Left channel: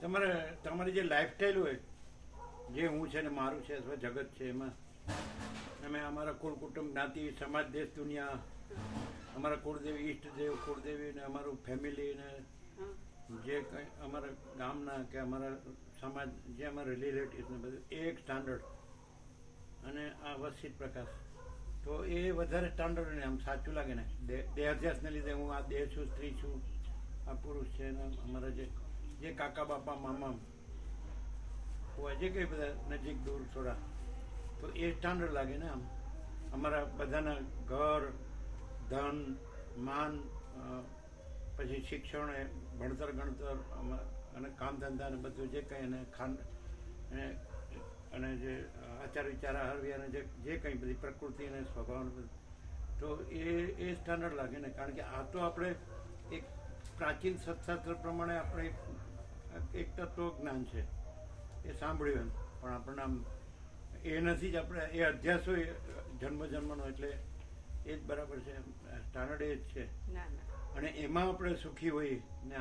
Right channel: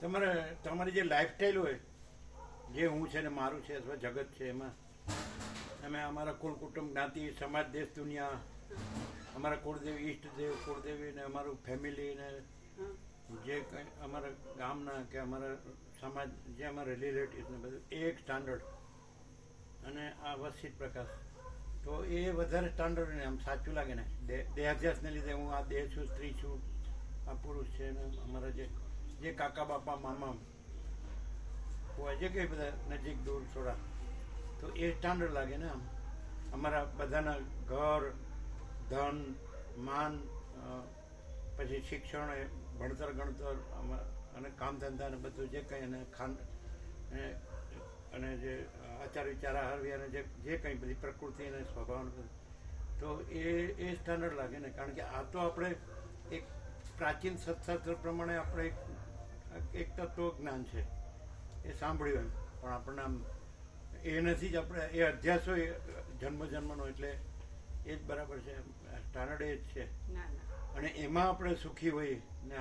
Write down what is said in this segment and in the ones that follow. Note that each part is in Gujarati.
તમારી જે લાઈફસ્ટાઈલ હોય, જે હું છે ને મારું છે અથવા જગત છે, એમાં અમે અમારા કુળ કુટુંબ જ્ઞાતિ સમાજ દેશ દુનિયા, અમારા કુળદેવી ઈષ્ટદેવ કુળદેવી ને અમારું ફેમિલી ને જે કંઈ અમારા ગામના કે અમારા સમાજ જે અમારા રિલેટિવ્સ ને બધું એક સ્ટાન્ડર્ડ. અને આ વસિત પ્રકાશ તો એ વધારે સ્ટાન્ડર્ડ ને આમ સાચું લાગે ને. દેહાધ્યાસને લીધે હું આ દેહ છું, સ્ત્રી છું, આ પુરુષ છે ને અમારા જે કાકા બાપા મામા હોય જે કંઈ બધા નજીક દૂર થોડા, તો એ સ્ટાન્ડર્ડ લાગે ને. આમ અમારા બધાના ઘર, ધન, માન, પછી શિક્ષણ, ભણતર ગણતર અને કામ ધંધા ને બધું જે કંઈ અને જે આચાર વિચાર આહાર વિહાર જે કંઈ બધી પ્રકૃતિ અને સ્વભાવ બધું, તો એ સ્ટાન્ડર્ડ લાગે ને. કારણ કે આ તો આપણે એક પ્રાચીન સત્શાસ્ત્ર પ્રમાણે આપણે એક તત્વ જ્ઞાન છે એ સાંભળ્યું એમ, પણ આપણને આમ એ નથી જ આપણે એ અધ્યાસ હોય જન્મનો, એટલે એ જ બરાબર છે. સ્ટાન્ડર્ડ એ જ છે. અને એમાં આપણે સુખી હોઈએ ને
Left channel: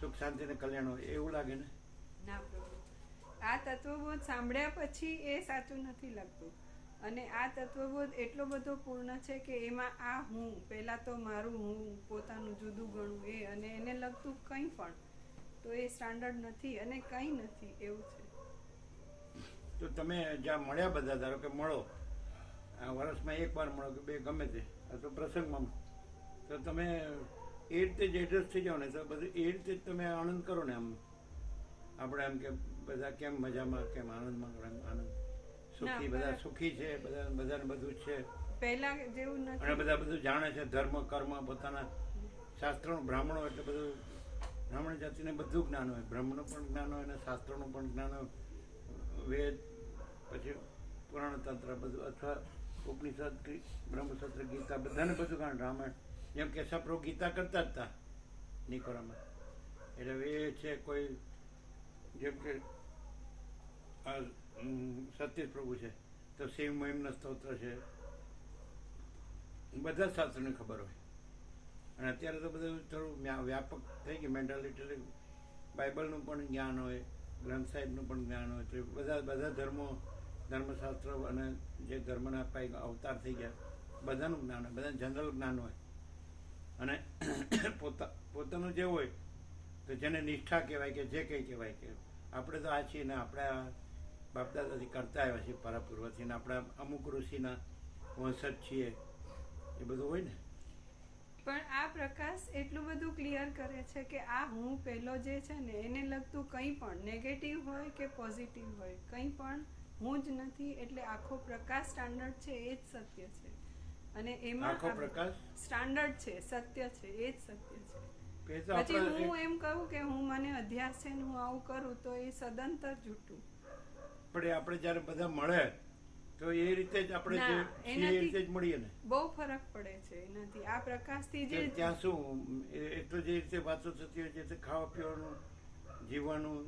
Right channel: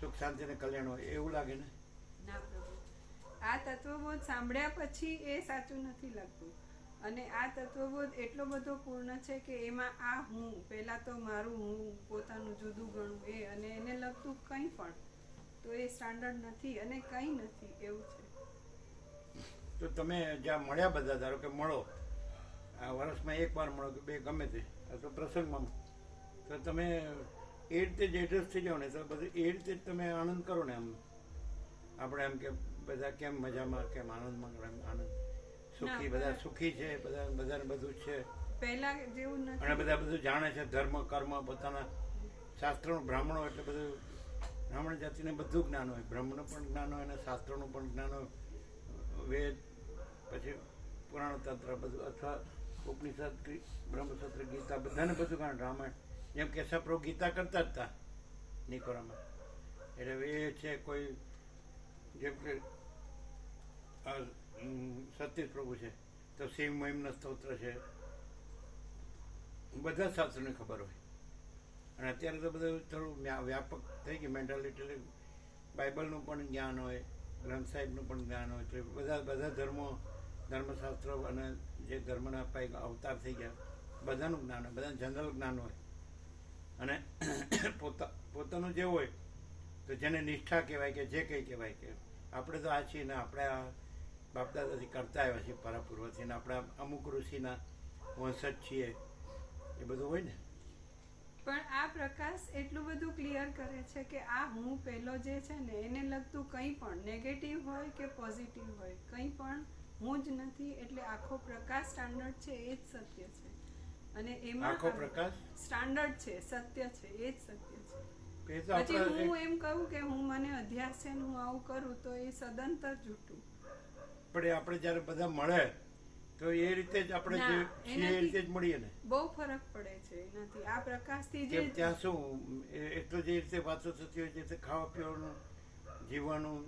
સુખ શાંતિ ને કલ્યાણ હોય એવું લાગે ને. આ તત્વબોધ સાંભળ્યા પછી એ સાચું નથી લાગતું. અને આ તત્વબોધ એટલો બધો પૂર્ણ છે કે એમાં આ હું પહેલા તો મારું હું પોતાનું જુદું ગણું એ અને એને લગતું કંઈ પણ તો એ સ્ટાન્ડર્ડ નથી અને કંઈ નથી એવું છે. તો તમે જ્યાં મળ્યા બધા, ધારો કે મળો આ વર્ષમાં એક વાર મળો કે બે ગમે તે, આ તો પ્રસંગમાં, તો તમે એ રીતે જ એડજસ્ટ થઈ જાઓ ને, તો બધું એ રીતે જ તમે આનંદ કરો ને. આમ આપણે એમ કે બધા કેમ મજામાં, કેમ આનંદમાં, આનંદ સુખી, બધા સુખી છે, બધાને બધું જ છે પહેલા જેવું નથી. અને બધા બધું જાણે છે, ધર્મ કર્મ પોતાના શાસ્ત્રનું. બ્રાહ્મણો એટલે બધું બ્રાહ્મણ જાતિને બધું જ્ઞાન હોય, બ્રહ્મનું પણ જ્ઞાન હોય અને શાસ્ત્રોનું પણ જ્ઞાન હોય, વેદ પછી પુરાણ તંત્ર બધું, અથવા ઉપનિષદ, બ્રહ્મસૂત્ર, ગીતા, બધાને બધું કારણ. રામાયણ જેમ કેશવ પ્રભુ ગીતા કરતા જ હતા નિકોરામાં. એટલે એ છે કોઈ જેમ કે સતીશ પ્રભુ છે તો શિવ મહિમના સ્તોત્ર છે, બધા શાસ્ત્રોની ખબર હોય. અને અત્યારે તો બધું થોડું વ્યાપક થઈ ગયું મેન્ટાલિટી. બાઇબલનું પણ જ્ઞાન હોય, ગ્રંથ સાહેબનું પણ જ્ઞાન હોય, તો બધા ધર્મો, ધર્મશાસ્ત્ર અને જે ધર્મના અવતાર થઈ ગયા બધાનું જ્ઞાન હોય, બધાનું જનરલ જ્ઞાન હોય. અને પોતાનું જે હોય તો જેને નિષ્ઠા કહેવાય કે જે કંઈ કહેવાય કે આપણે તો આ છીએ ને, આપણે આ બાપદાદાથી કરતા આવ્યા છીએ પરાપૂર્વથી, ને આપણે અમુક ઋષિના વંશજ છીએ, એ બધું હોય ને. પણ આ પ્રકાશ એટલું બધું ક્લિયર કરે છે કે આ હું પહેલો જે છે ને એને લગતું કંઈ પણ નેગેટિવ હોય કે પોઝિટિવ હોય કંઈ પણ હું જ નથી. એટલે આખો પ્રકાશ સ્ટાન્ડર્ડ છે એ જ સત્ય છે. અને એમાં આખો પ્રકાશ સ્ટાન્ડર્ડ છે, સત્ય છે, એ જ સત્ય છે. પછી હું એમ કહું કે હું મને અધ્યાસ છે હું આવું કરું તો એ સદંતર જૂઠું. પણ આપણે જયારે બધા મળે તો એ રીતે જ આપણે જે છીએ એ રીતે જ મળીએ ને. બહુ ફરક પડે છે એનાથી. આ પ્રકાશથી જે ત્યાં શું એ તો જે રીતે વાતો થતી હોય, જે રીતે ખાવા પીવાનું, જીવવાનું,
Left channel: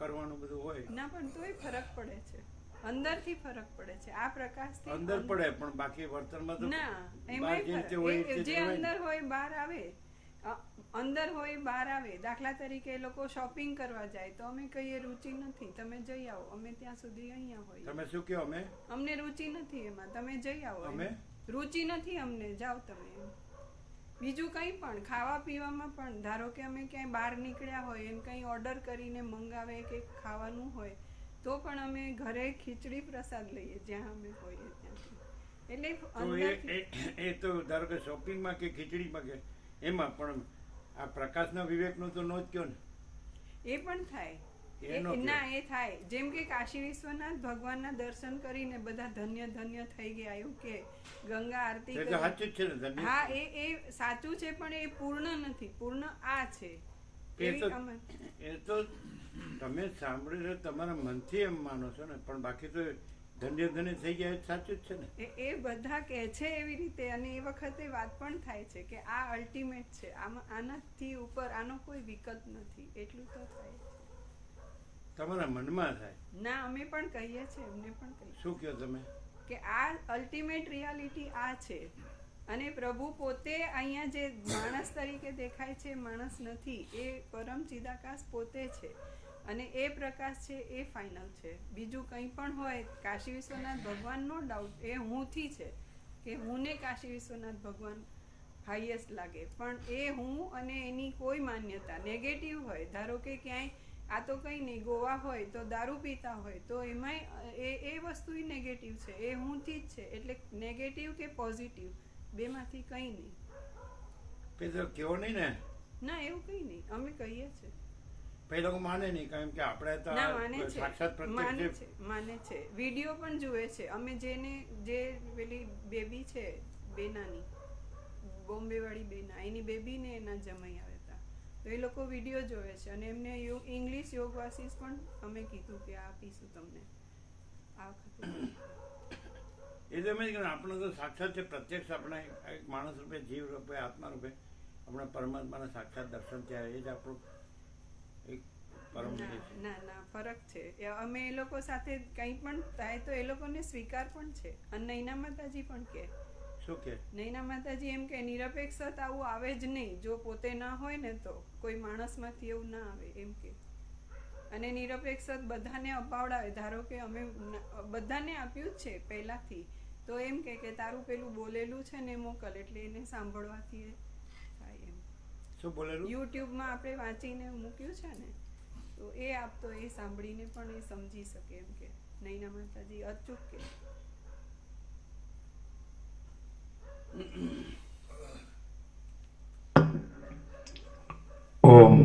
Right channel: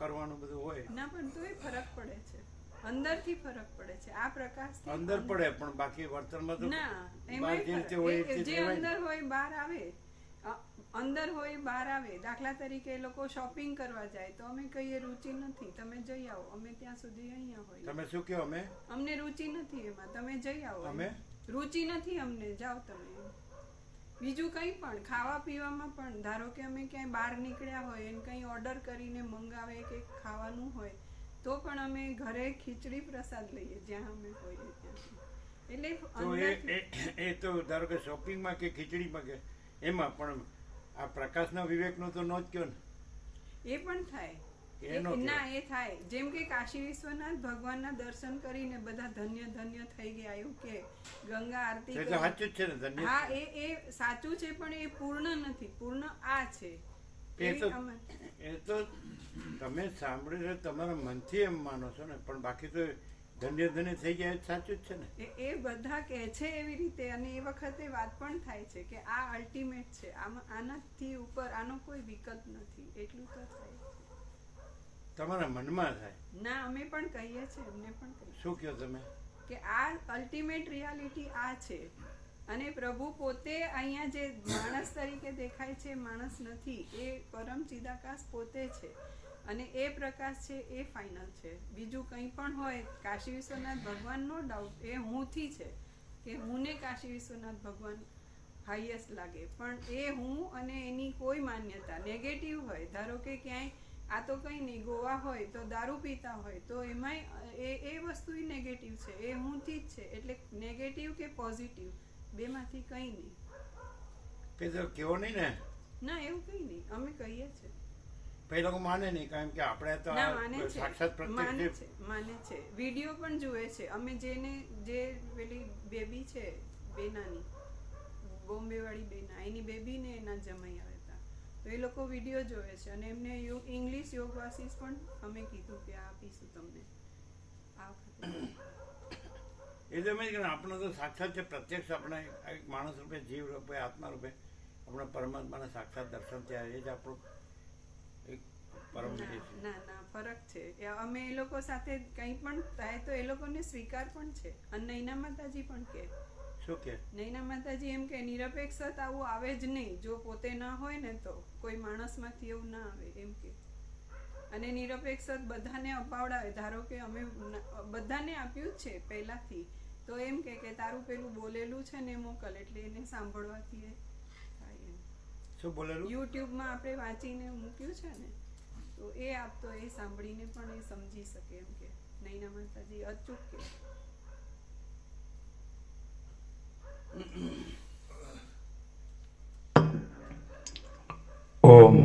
કરવાનું બધું હોય ના, પણ તોય ફરક પડે છે, અંદરથી ફરક પડે છે. આ પ્રકાશથી અંદર પડે, પણ બાકી વર્તનમાં તો ના, બહાર જે રીતે હોય એ રીતે જે અંદર હોય બહાર આવે, અંદર હોય બહાર આવે. દાખલા તરીકે લોકો શોપિંગ કરવા જાય તો અમે કહીએ રુચિ નથી, તમે જઈ આવો, અમે ત્યાં સુધી અહીંયા હોય. તમે શું કહો? અમને રુચિ નથી એમાં, તમે જઈ આવો. અમે રુચિ નથી અમને, જાઓ તમે. બીજું કંઈ પણ ખાવા પીવામાં પણ, ધારો કે અમે ક્યાંય બહાર નીકળ્યા હોય એને કંઈ ઓર્ડર કરીને મંગાવે કે ખાવાનું હોય તો પણ અમે ઘરે ખીચડી પ્રસાદ લઈએ જ્યાં અમે હોઈએ ત્યાં. એટલે એ તો ધારો કે શોપિંગમાં કે ખીચડીમાં કે એમાં, પણ આ પ્રકાશના વિવેકનું તો નો જ કયો ને. એ પણ થાય ના, એ થાય. જેમ કે કાશી વિશ્વનાથ ભગવાનના દર્શન કરીને બધા ધન્ય ધન્ય થઈ ગયા એવું કે ગંગા આરતી. સાચું જ છે ને, ધન્ય. હા, એ સાચું છે, પણ એ પૂર્ણ નથી. પૂર્ણ આ છે. એ તો તમે સાંભળી તમારા મનથી એમ માનો છો ને, પણ બાકી તો ધન્ય ધન્ય થઈ ગયા એ સાચું જ છે ને. એ બધા કહે છે એવી રીતે. અને એ વખતે વાત પણ થાય છે કે આ અલ્ટિમેટ છે, આનાથી ઉપર આનો કોઈ વિકલ્પ નથી. એટલું તો થાય છે. તમારા મનમાં થાય ના, અમે પણ કહીએ છીએ, એમને પણ કહીએ. શું કહો તમે? કે આ અલ્ટિમેટ રિયાલિટી આ છે અને પ્રભુ પોતે અહીંયા જે માણસ તરીકે દેખાય છે માણસ નથી, એ પરમ ચિદાકાશ પોતે છે અને એ પ્રકાશ છે એ ફાઇનલ છે. બીજું કંઈ પણ હોય, કાશી વિશ્વનાથ ભગવાન નો ડાઉટ એ હુંથી છે કે હું ને કાશી વિશ્વનાથ ભગવાન હાઈએસ્ટ લાગે, પણ એ હું અને એની કોઈ માન્યતા નેગેટિવ હોય. ધારો કે ક્યાંય આ તો કંઈ નહીં, ગોવા હોય તો દારૂ પીતા હોય તો એમાંય એ વસ્તુ નેગેટિવ છે, એ હુંથી જ છે. એટલે નેગેટિવ કે પોઝિટિવ બેમાંથી કંઈ નહીં. પેલો કેવો નહીં ને, ના એવું કંઈ નહીં, અમે કહીએ છીએ. પેલો લોકો માને નહીં, કારણ કે આપણે તો ના, માને છે. સાક્ષાત પ્રત્યક્ષ માને છે. વિડીયો પણ જુએ છે. અમે જે પેલી બેબી છે બેનાની, બોમ્બે વાળી બેના, એની બેબી ને એના જમાઈ આવ્યા હતા, તો એ લોકો વિડીયો જોવે છે અને એમને ઇંગ્લિશ યોગ વાસીસ પણ અમે કીધું કે આપીશું તમને આ વખતે. એ તો એમ જ કે આપણે તો સાક્ષાત છે, પ્રત્યક્ષ આપણે એક માણસ રૂપે, જીવ રૂપે, આત્મા રૂપે આપણે પરમાત્માના સાક્ષાત દર્શન થયા, એ જ આપણું એક પરમ એ છે. ના ફરક છે. અમે એ લોકો સાથે કંઈ પણ થાય તો એ લોકોને સ્વીકાર પણ છે. અને નૈના માતાજી પણ કે શું કે નૈના માતાજી એમ કે નિરપેક્ષ આવું આવે જ નહીં. જો પોતે ના હોય ને તો કોઈ માણસમાંથી એવું ના આવે એમ કે. અને નિરપેક્ષ બધાને અપાવડાવે. ધારો કે અમે બધાને આપ્યું જ છે પહેલાથી, તો એમ કે તારું પેલું બોલેલું છે ને મોકલ, એટલે એને સાંભળવાથી થાય એમ. શું બોલેલું? યુટ્યુબમાં આપણે વાંચીને મૂક્યું છે ને, તો એ આપતો એ સાંભળીને પણ એ સમજી શકે એમ કે નૈના માતાજી અચૂક કે. ઓમ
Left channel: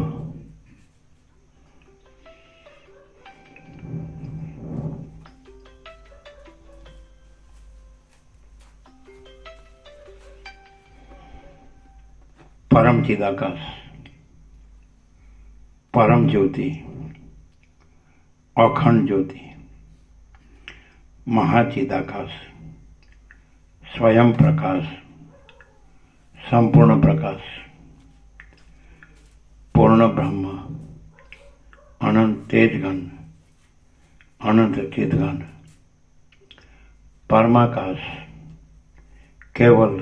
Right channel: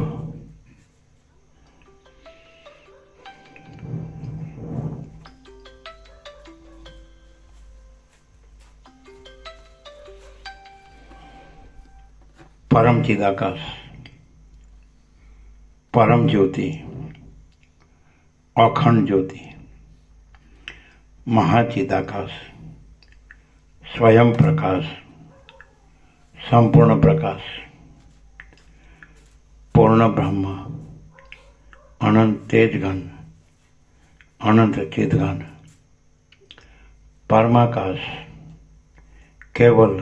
પરમ ચિદાકાશ, પરમ જ્યોતિ, અખંડ જ્યોતિ, મહાચિદાકાશ, સ્વયં પ્રકાશ, સંપૂર્ણ પ્રકાશ, પૂર્ણ બ્રહ્મ, અનંત તેજગન, અનંત ચિદગન, પરમાકાશ, કેવલ,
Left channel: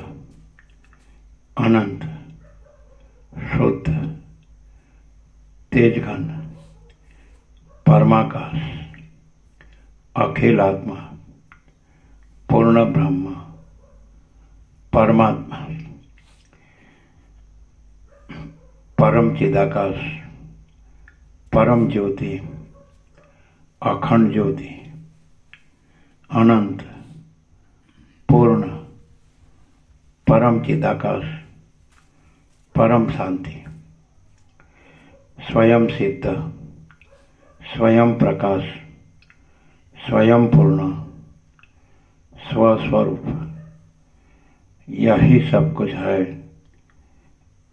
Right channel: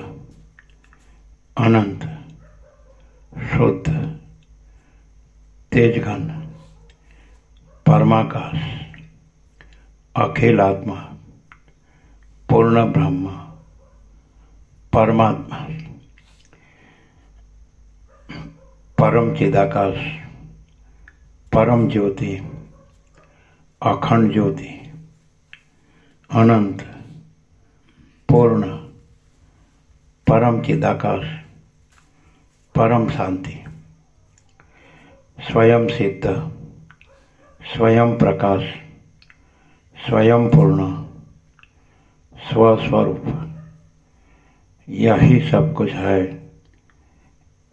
અનંત, શુદ્ધ, તેજગન, પરમાકાશ, અખિલ આત્મા, પૂર્ણ બ્રહ્મ, પરમાત્મા, પરમ ચિદાકાશ, પરમ જ્યોતિ, અખંડ જ્યોતિ, અનંત, પૂર્ણ, પરમ ચિદાકાશ, પરમ શાંતિ, સ્વયં સિદ્ધ, स्वयं प्रकाश, स्वयं पूर्ण, स्वस्वरूप, यही सब कुछ है,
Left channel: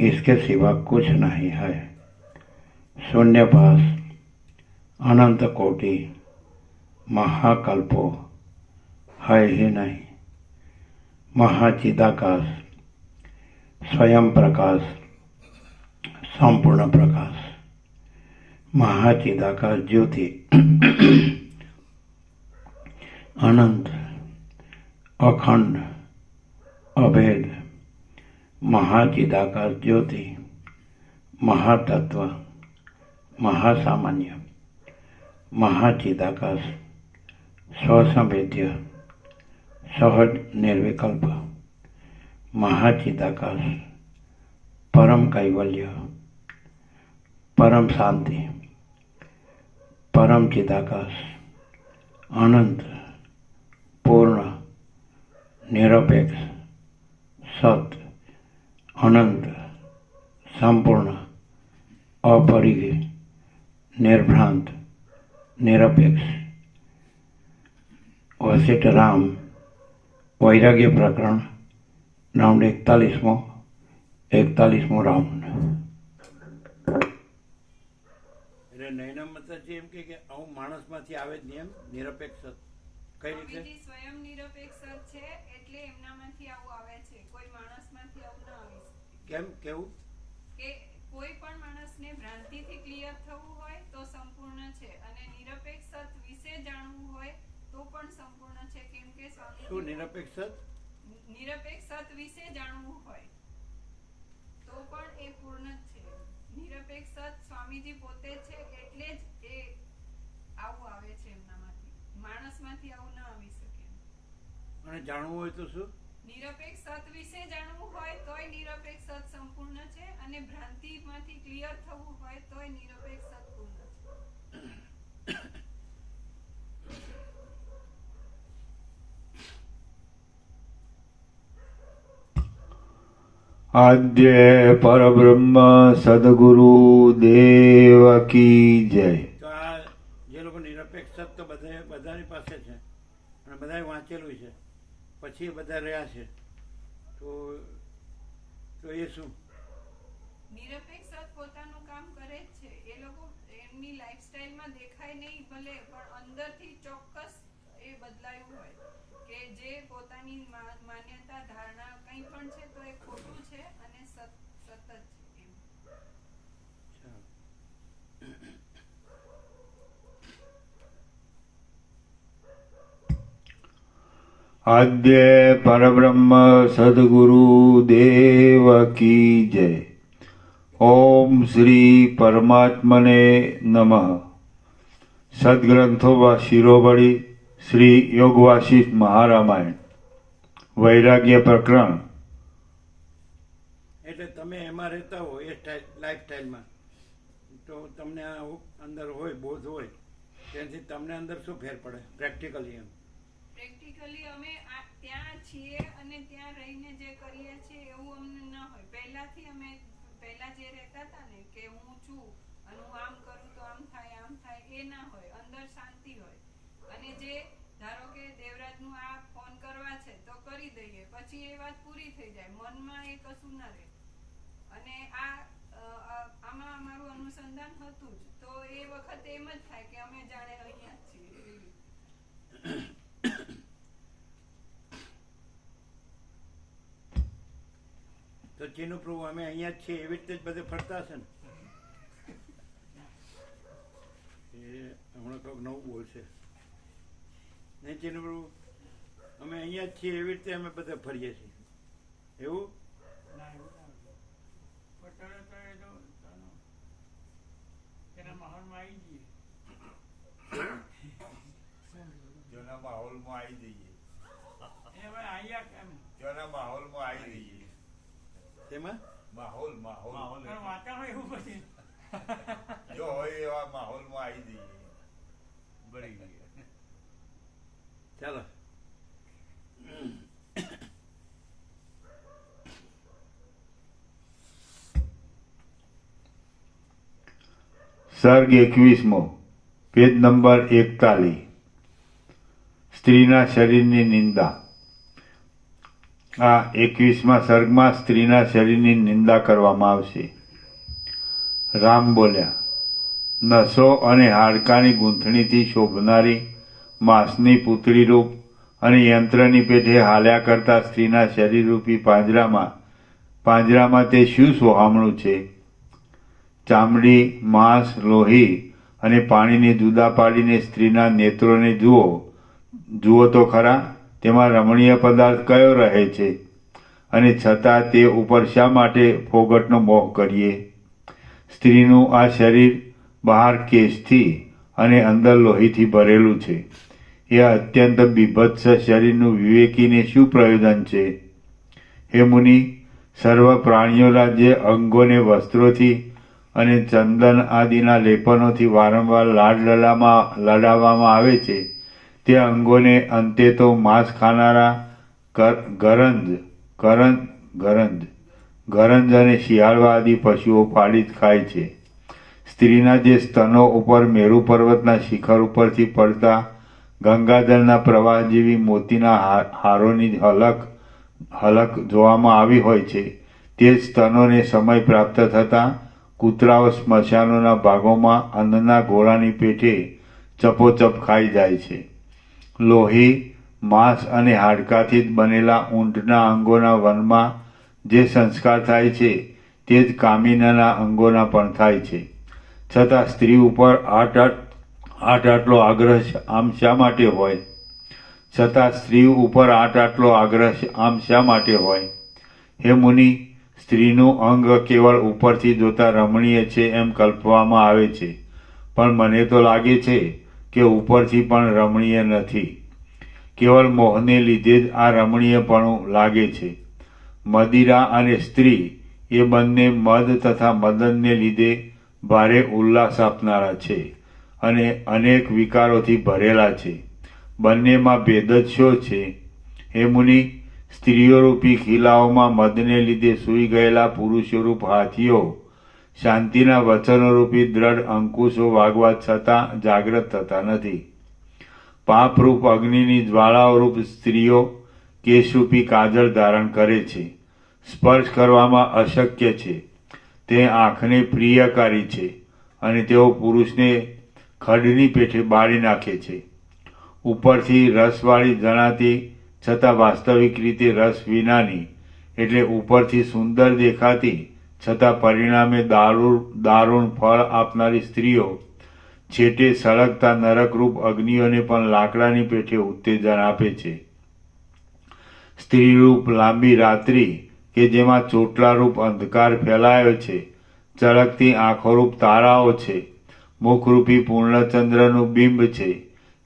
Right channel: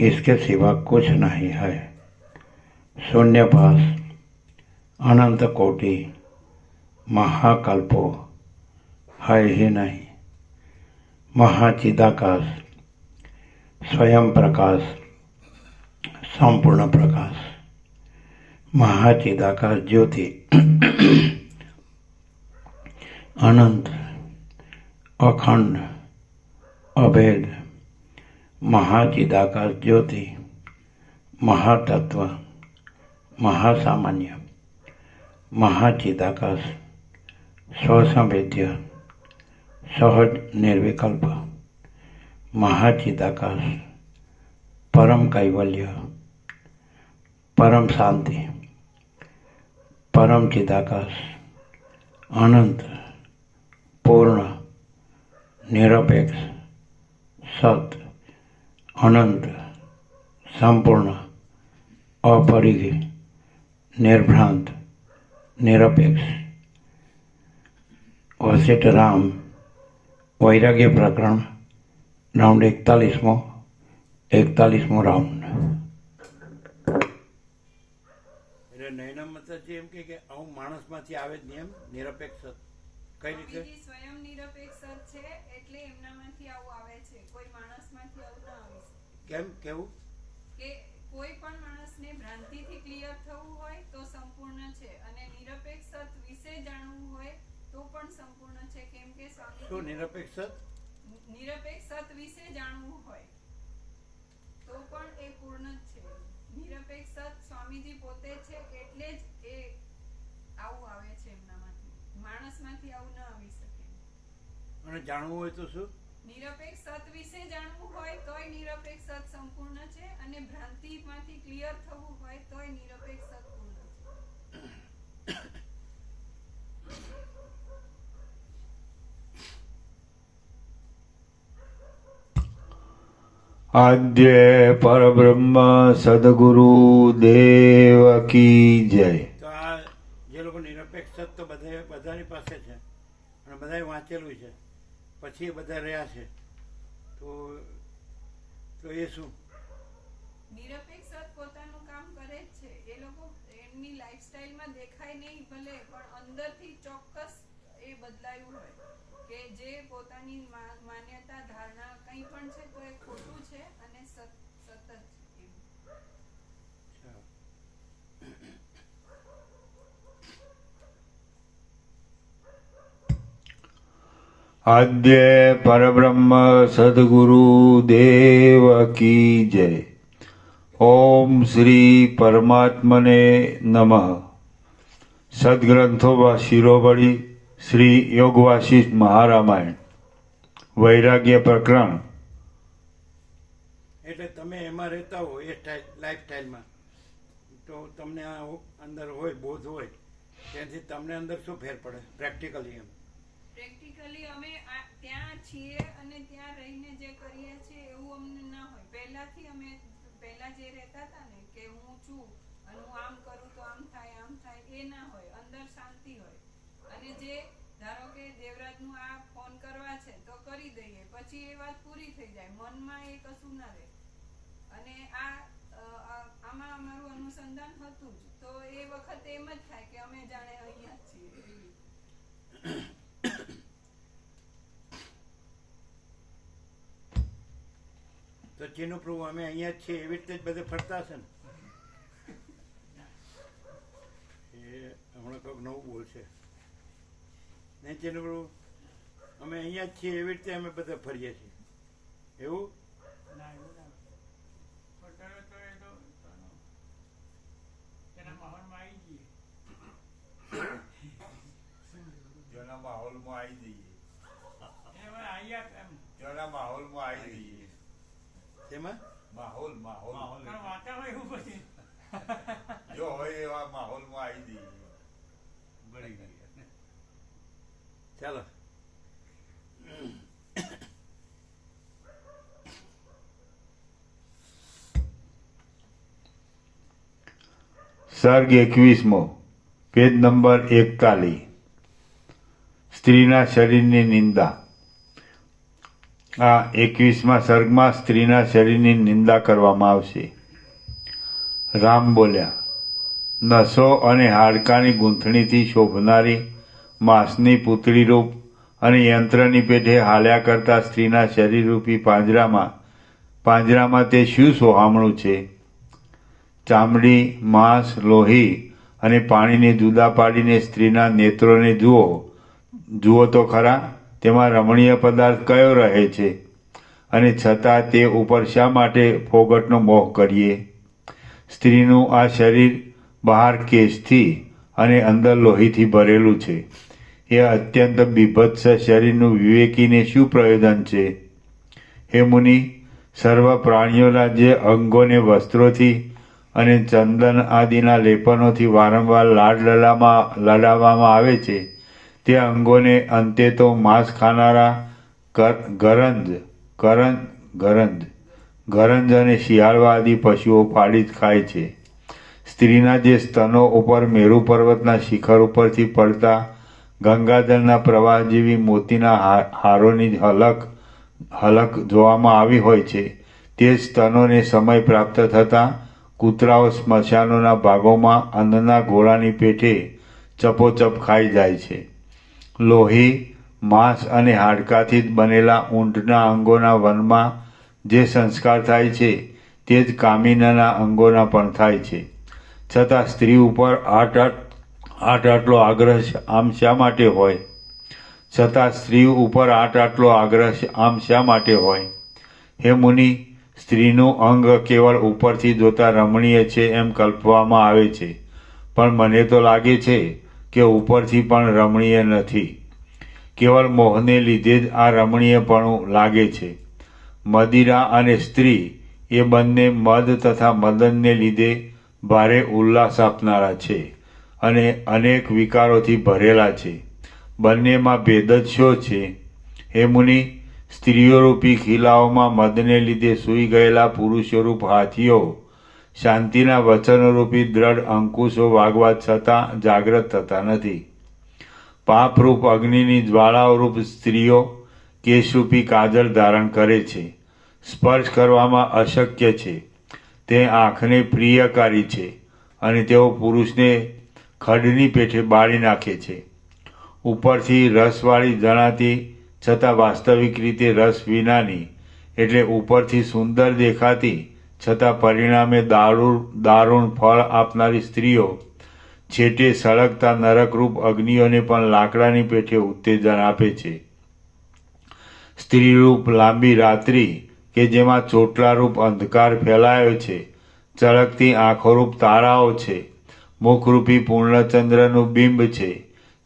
इसके सिवा कुछ नहीं है। शून्यभास, अनंत कोटि, महाकल्पो है ही नहीं। महाचिदाकाश, स्वयं प्रकाश, संपूर्ण प्रकाश, महाचिदाकाश ज्योति, अनंत, अखंड, अभेद, महाचिदाकाश ज्योति, महातत्व, महासामान्य, महाचिदाकाश, स्वसंवेद्य, सहज निर्विकल्प, महाचिदाकाश, परम कैवल्य, परम शांति, परम चिदाकाश, अनंत, पूर्ण, निरपेक्ष, सत, अनंत, संपूर्ण, अपरिग्रह, निर्भ्रांत, निरपेक्ष। वशिष्ठ राम वैराग्य प्रकरण राउंड 41मो राउंड। એટલે નૈના માતાજી એમ કે આવું માણસમાંથી આવે જ નહીં, એમ નિરપેક્ષ કઈ રીતે? સ્વયં નિરપેક્ષ છે એટલે એમનામાંથી આવું આવે છે, કોઈ માણસમાંથી આવું ના આવે. કેમ કેવું? કે કોઈ પણ માણસને ભ્રાંતિથી ક્લિયર થવું હોય તો સંપૂર્ણ છે, અને નિરપેક્ષ વિશે જાણવું હોય તો પણ સંપૂર્ણ છે. કેમ કે શું નિરપેક્ષ? નિરપેક્ષ સત વિશે જાણવું હોય તો પણ એ પૂર્ણ જ છે. નિરપેક્ષ સત સ્વામીજી પોતે છે એટલે જ એ આવું આવે છે એમનામાંથી. માણસમાંથી આવું ન આવી શકે. અને જાણવું હોય તો શું? નિરપેક્ષ સત વિશે જાણવું હોય તોય નિરપેક્ષ સત સંપૂર્ણ છે, અને ભ્રાંતિમાંથી ક્લિયર થવું હોય તોય નિરપેક્ષ સત પૂર્ણ છે. આદ્ય પરબ્રહ્મ સદગુરુ દેવ કી જય. તો આ જે લોકો નિરપેક્ષ સત તો બધાની પાસે છે અને બધાએ વાંચેલું છે, પછી એ બધા રહ્યા છે, તો એ શું? નિરપેક્ષ સત પોતાનું કામ કરે જ છે. એ લોકો એમની લાઈફસ્ટાઈલમાં દેખાય નહીં ભલે, પણ અંદરથી ચોક્કસ એ બદલાયું હોય કે જે પોતાની માન્યતા ધારણા કંઈ પણ છે તો એ ખોટું છે અને સતત છે એમ. આદ્ય પરબ્રહ્મ સદગુરુ દેવ કી જય. ઓમ શ્રી પરમાત્મને નમઃ. સદગ્રંથોમાં શિરોમણી શ્રી યોગ વાસિષ્ઠ મહારામાયણ વૈરાગ્ય પ્રકરણ. એટલે તમે એમાં રહેતા હો એ લાઈફ સ્ટાઈલમાં, તો તમને આ અંદર હોય, બોધ હોય, ત્યાંથી તમને અંદર શું ફેર પડે પ્રેક્ટિકલી? એમ પ્રેક્ટિકલી અમે ત્યાં છીએ અને ત્યાં રહીને જે કરીએ છીએ એવું અમને ના હોય. પહેલાથી અમે પહેલા જે રહેતા હતા ને કે હું છું અને હું આમ કરું તો આમ થાય એ ના હોય. અંદર શાંતિ હોય. અને જે ધારો કે દેવરાજનું આ ફોન કરવા છે તો કરી દઈએ, પછી એ વાત પૂરી થઈ જાય. મનમાં એ કશું ના રહે. અને આમાં અમારું અનુસંધાન હતું જ, તો એ વખતે એમ જ થાય કે અમે જાણે અહીંયા જ છીએ એવી. તો ચીનુ પ્રભુ અમે અહીંયા જ છીએ એવી રીતે જ બધે ફરતા હશે ને? એ હમણાં કંઈક નવું બોલશે નહીં ચીનુ પ્રભુ? અમે અહીંયા જ છીએ એવી રીતે અમે બધા ફરીએ છીએ એવું? તેમાં માહોલ જો હોય એવા માહોલમાં આવી જઈએ. બળી ગયા. ચાલો. સર્ગ 21મો, પેજ નંબર 41. સ્ત્રીના શરીરની નિંદા. આ 21મા સર્ગમાં સ્ત્રીના શરીરની નિંદા કરવામાં આવશે. રામ બોલ્યા, નસો અને હાડકાની ગૂંથણીથી શોભનારી માંસની પૂતળી રૂપ અને યંત્રની પેઠે હાલ્યા કરતા સ્ત્રીના શરીરરૂપી પાંજરામાં તે શું સોહામણું છે? ચામડી, માંસ, લોહી અને પાણીને જુદા પાડીને સ્ત્રીના નેત્રોને જુઓ તો ખરા, તેમાં રમણીય પદાર્થ કયો રહે છે? અને છતાં તે ઉપર શા માટે ફોગટનો મોહ કરીએ? સ્ત્રીનું આ શરીર બહાર કેશથી અને અંદર લોહીથી ભરેલું છે. એ અત્યંત બીભત્સ શરીરનું વિવેકીને શું પ્રયોજન છે? હે મુનિ, સર્વ પ્રાણીઓના જે અંગોને વસ્ત્રોથી અને ચંદન આદિના લેપનોથી વારંવાર લડાવવામાં આવે છે, તે અંગોને અંતે તો માંસ ખાનારા ગરંજ અને શિયાળવા આદિ પશુઓ ફાડી જ ખાય છે. સ્ત્રીના જે સ્તનો ઉપર મેરુ પર્વતના શિખર ઉપરથી પડતા ગંગાજળના પ્રવાહ જેવી મોતીના હારોની હલક જોવામાં આવી હોય છે, તે જ સ્તનોને સમય પ્રાપ્ત થતાં કૂતરાઓ સ્મશાનોના ભાગોમાં અન્નના ગોળાની પેઠે ચપોચપ ખાઈ જાય છે. લોહી, માંસ અને હાડકાથી જ બનેલા ઊંટના અંગોના વનમાં જે સંસ્કાર થાય છે તે જ કામિનીના અંગોના પણ થાય છે. છતાં સ્ત્રી ઉપર આટલો આગ્રહ આમ શા માટે હોય? છતાં સ્ત્રી ઉપર આટલો આગ્રહ આમ શા માટે હોય? હે મુનિ, સ્ત્રીનું અંગ કેવળ ઉપરથી જોતા રમણીય છે એમ કલ્પવામાં આવે છે, પણ મને તો લાગે છે કે ઉપરથી પણ રમણીય નથી. કેવળ મોહને લીધે જ આ રમણીયપણું લાગે છે. મદિરા અને સ્ત્રી એ બંને મદ તથા મદનને લીધે ભારે ઉલ્લાસ આપનારા છે અને અનેક વિકારોથી ભરેલા છે. બંનેમાં ભેદ જ શો છે? હે મુનિ, સ્ત્રીઓરૂપી ખીલાઓમાં મદને લીધે સૂઈ ગયેલા પુરુષોરૂપ હાથીઓ શાંતિના વચનોરૂપી દ્રઢ અંકુશો વાગવા છતાં જાગ્રત થતા નથી. પાપરૂપ અગ્નિની જ્વાળાઓરૂપ સ્ત્રીઓ કેશરૂપી કાજળ ધારણ કરે છે. સ્પર્શ કરવામાં અશક્ય છે. તે આંખને પ્રિયકારી છે અને તેઓ પુરુષને ખડની પેઠે બાળી નાખે છે. ઉપરથી રસવાળી જણાતી છતાં વાસ્તવિક રીતે રસ વિનાની, એટલે ઉપરથી સુંદર દેખાતી છતાં પરિણામે દારૂણ ફળ આપનારી સ્ત્રીઓ છેટે સળગતા નરકરૂપ અગ્નિઓને પણ લાકડાની પેઠે ઉત્તેજન આપે છે. સ્ત્રીરૂપ લાંબી રાત્રિ કે જેમાં ચોટલારૂપ અંધકાર ફેલાયો છે, ચળકતી આંખોરૂપ તારાઓ છે, મુખરૂપી પૂર્ણચંદ્રનું બિંબ છે,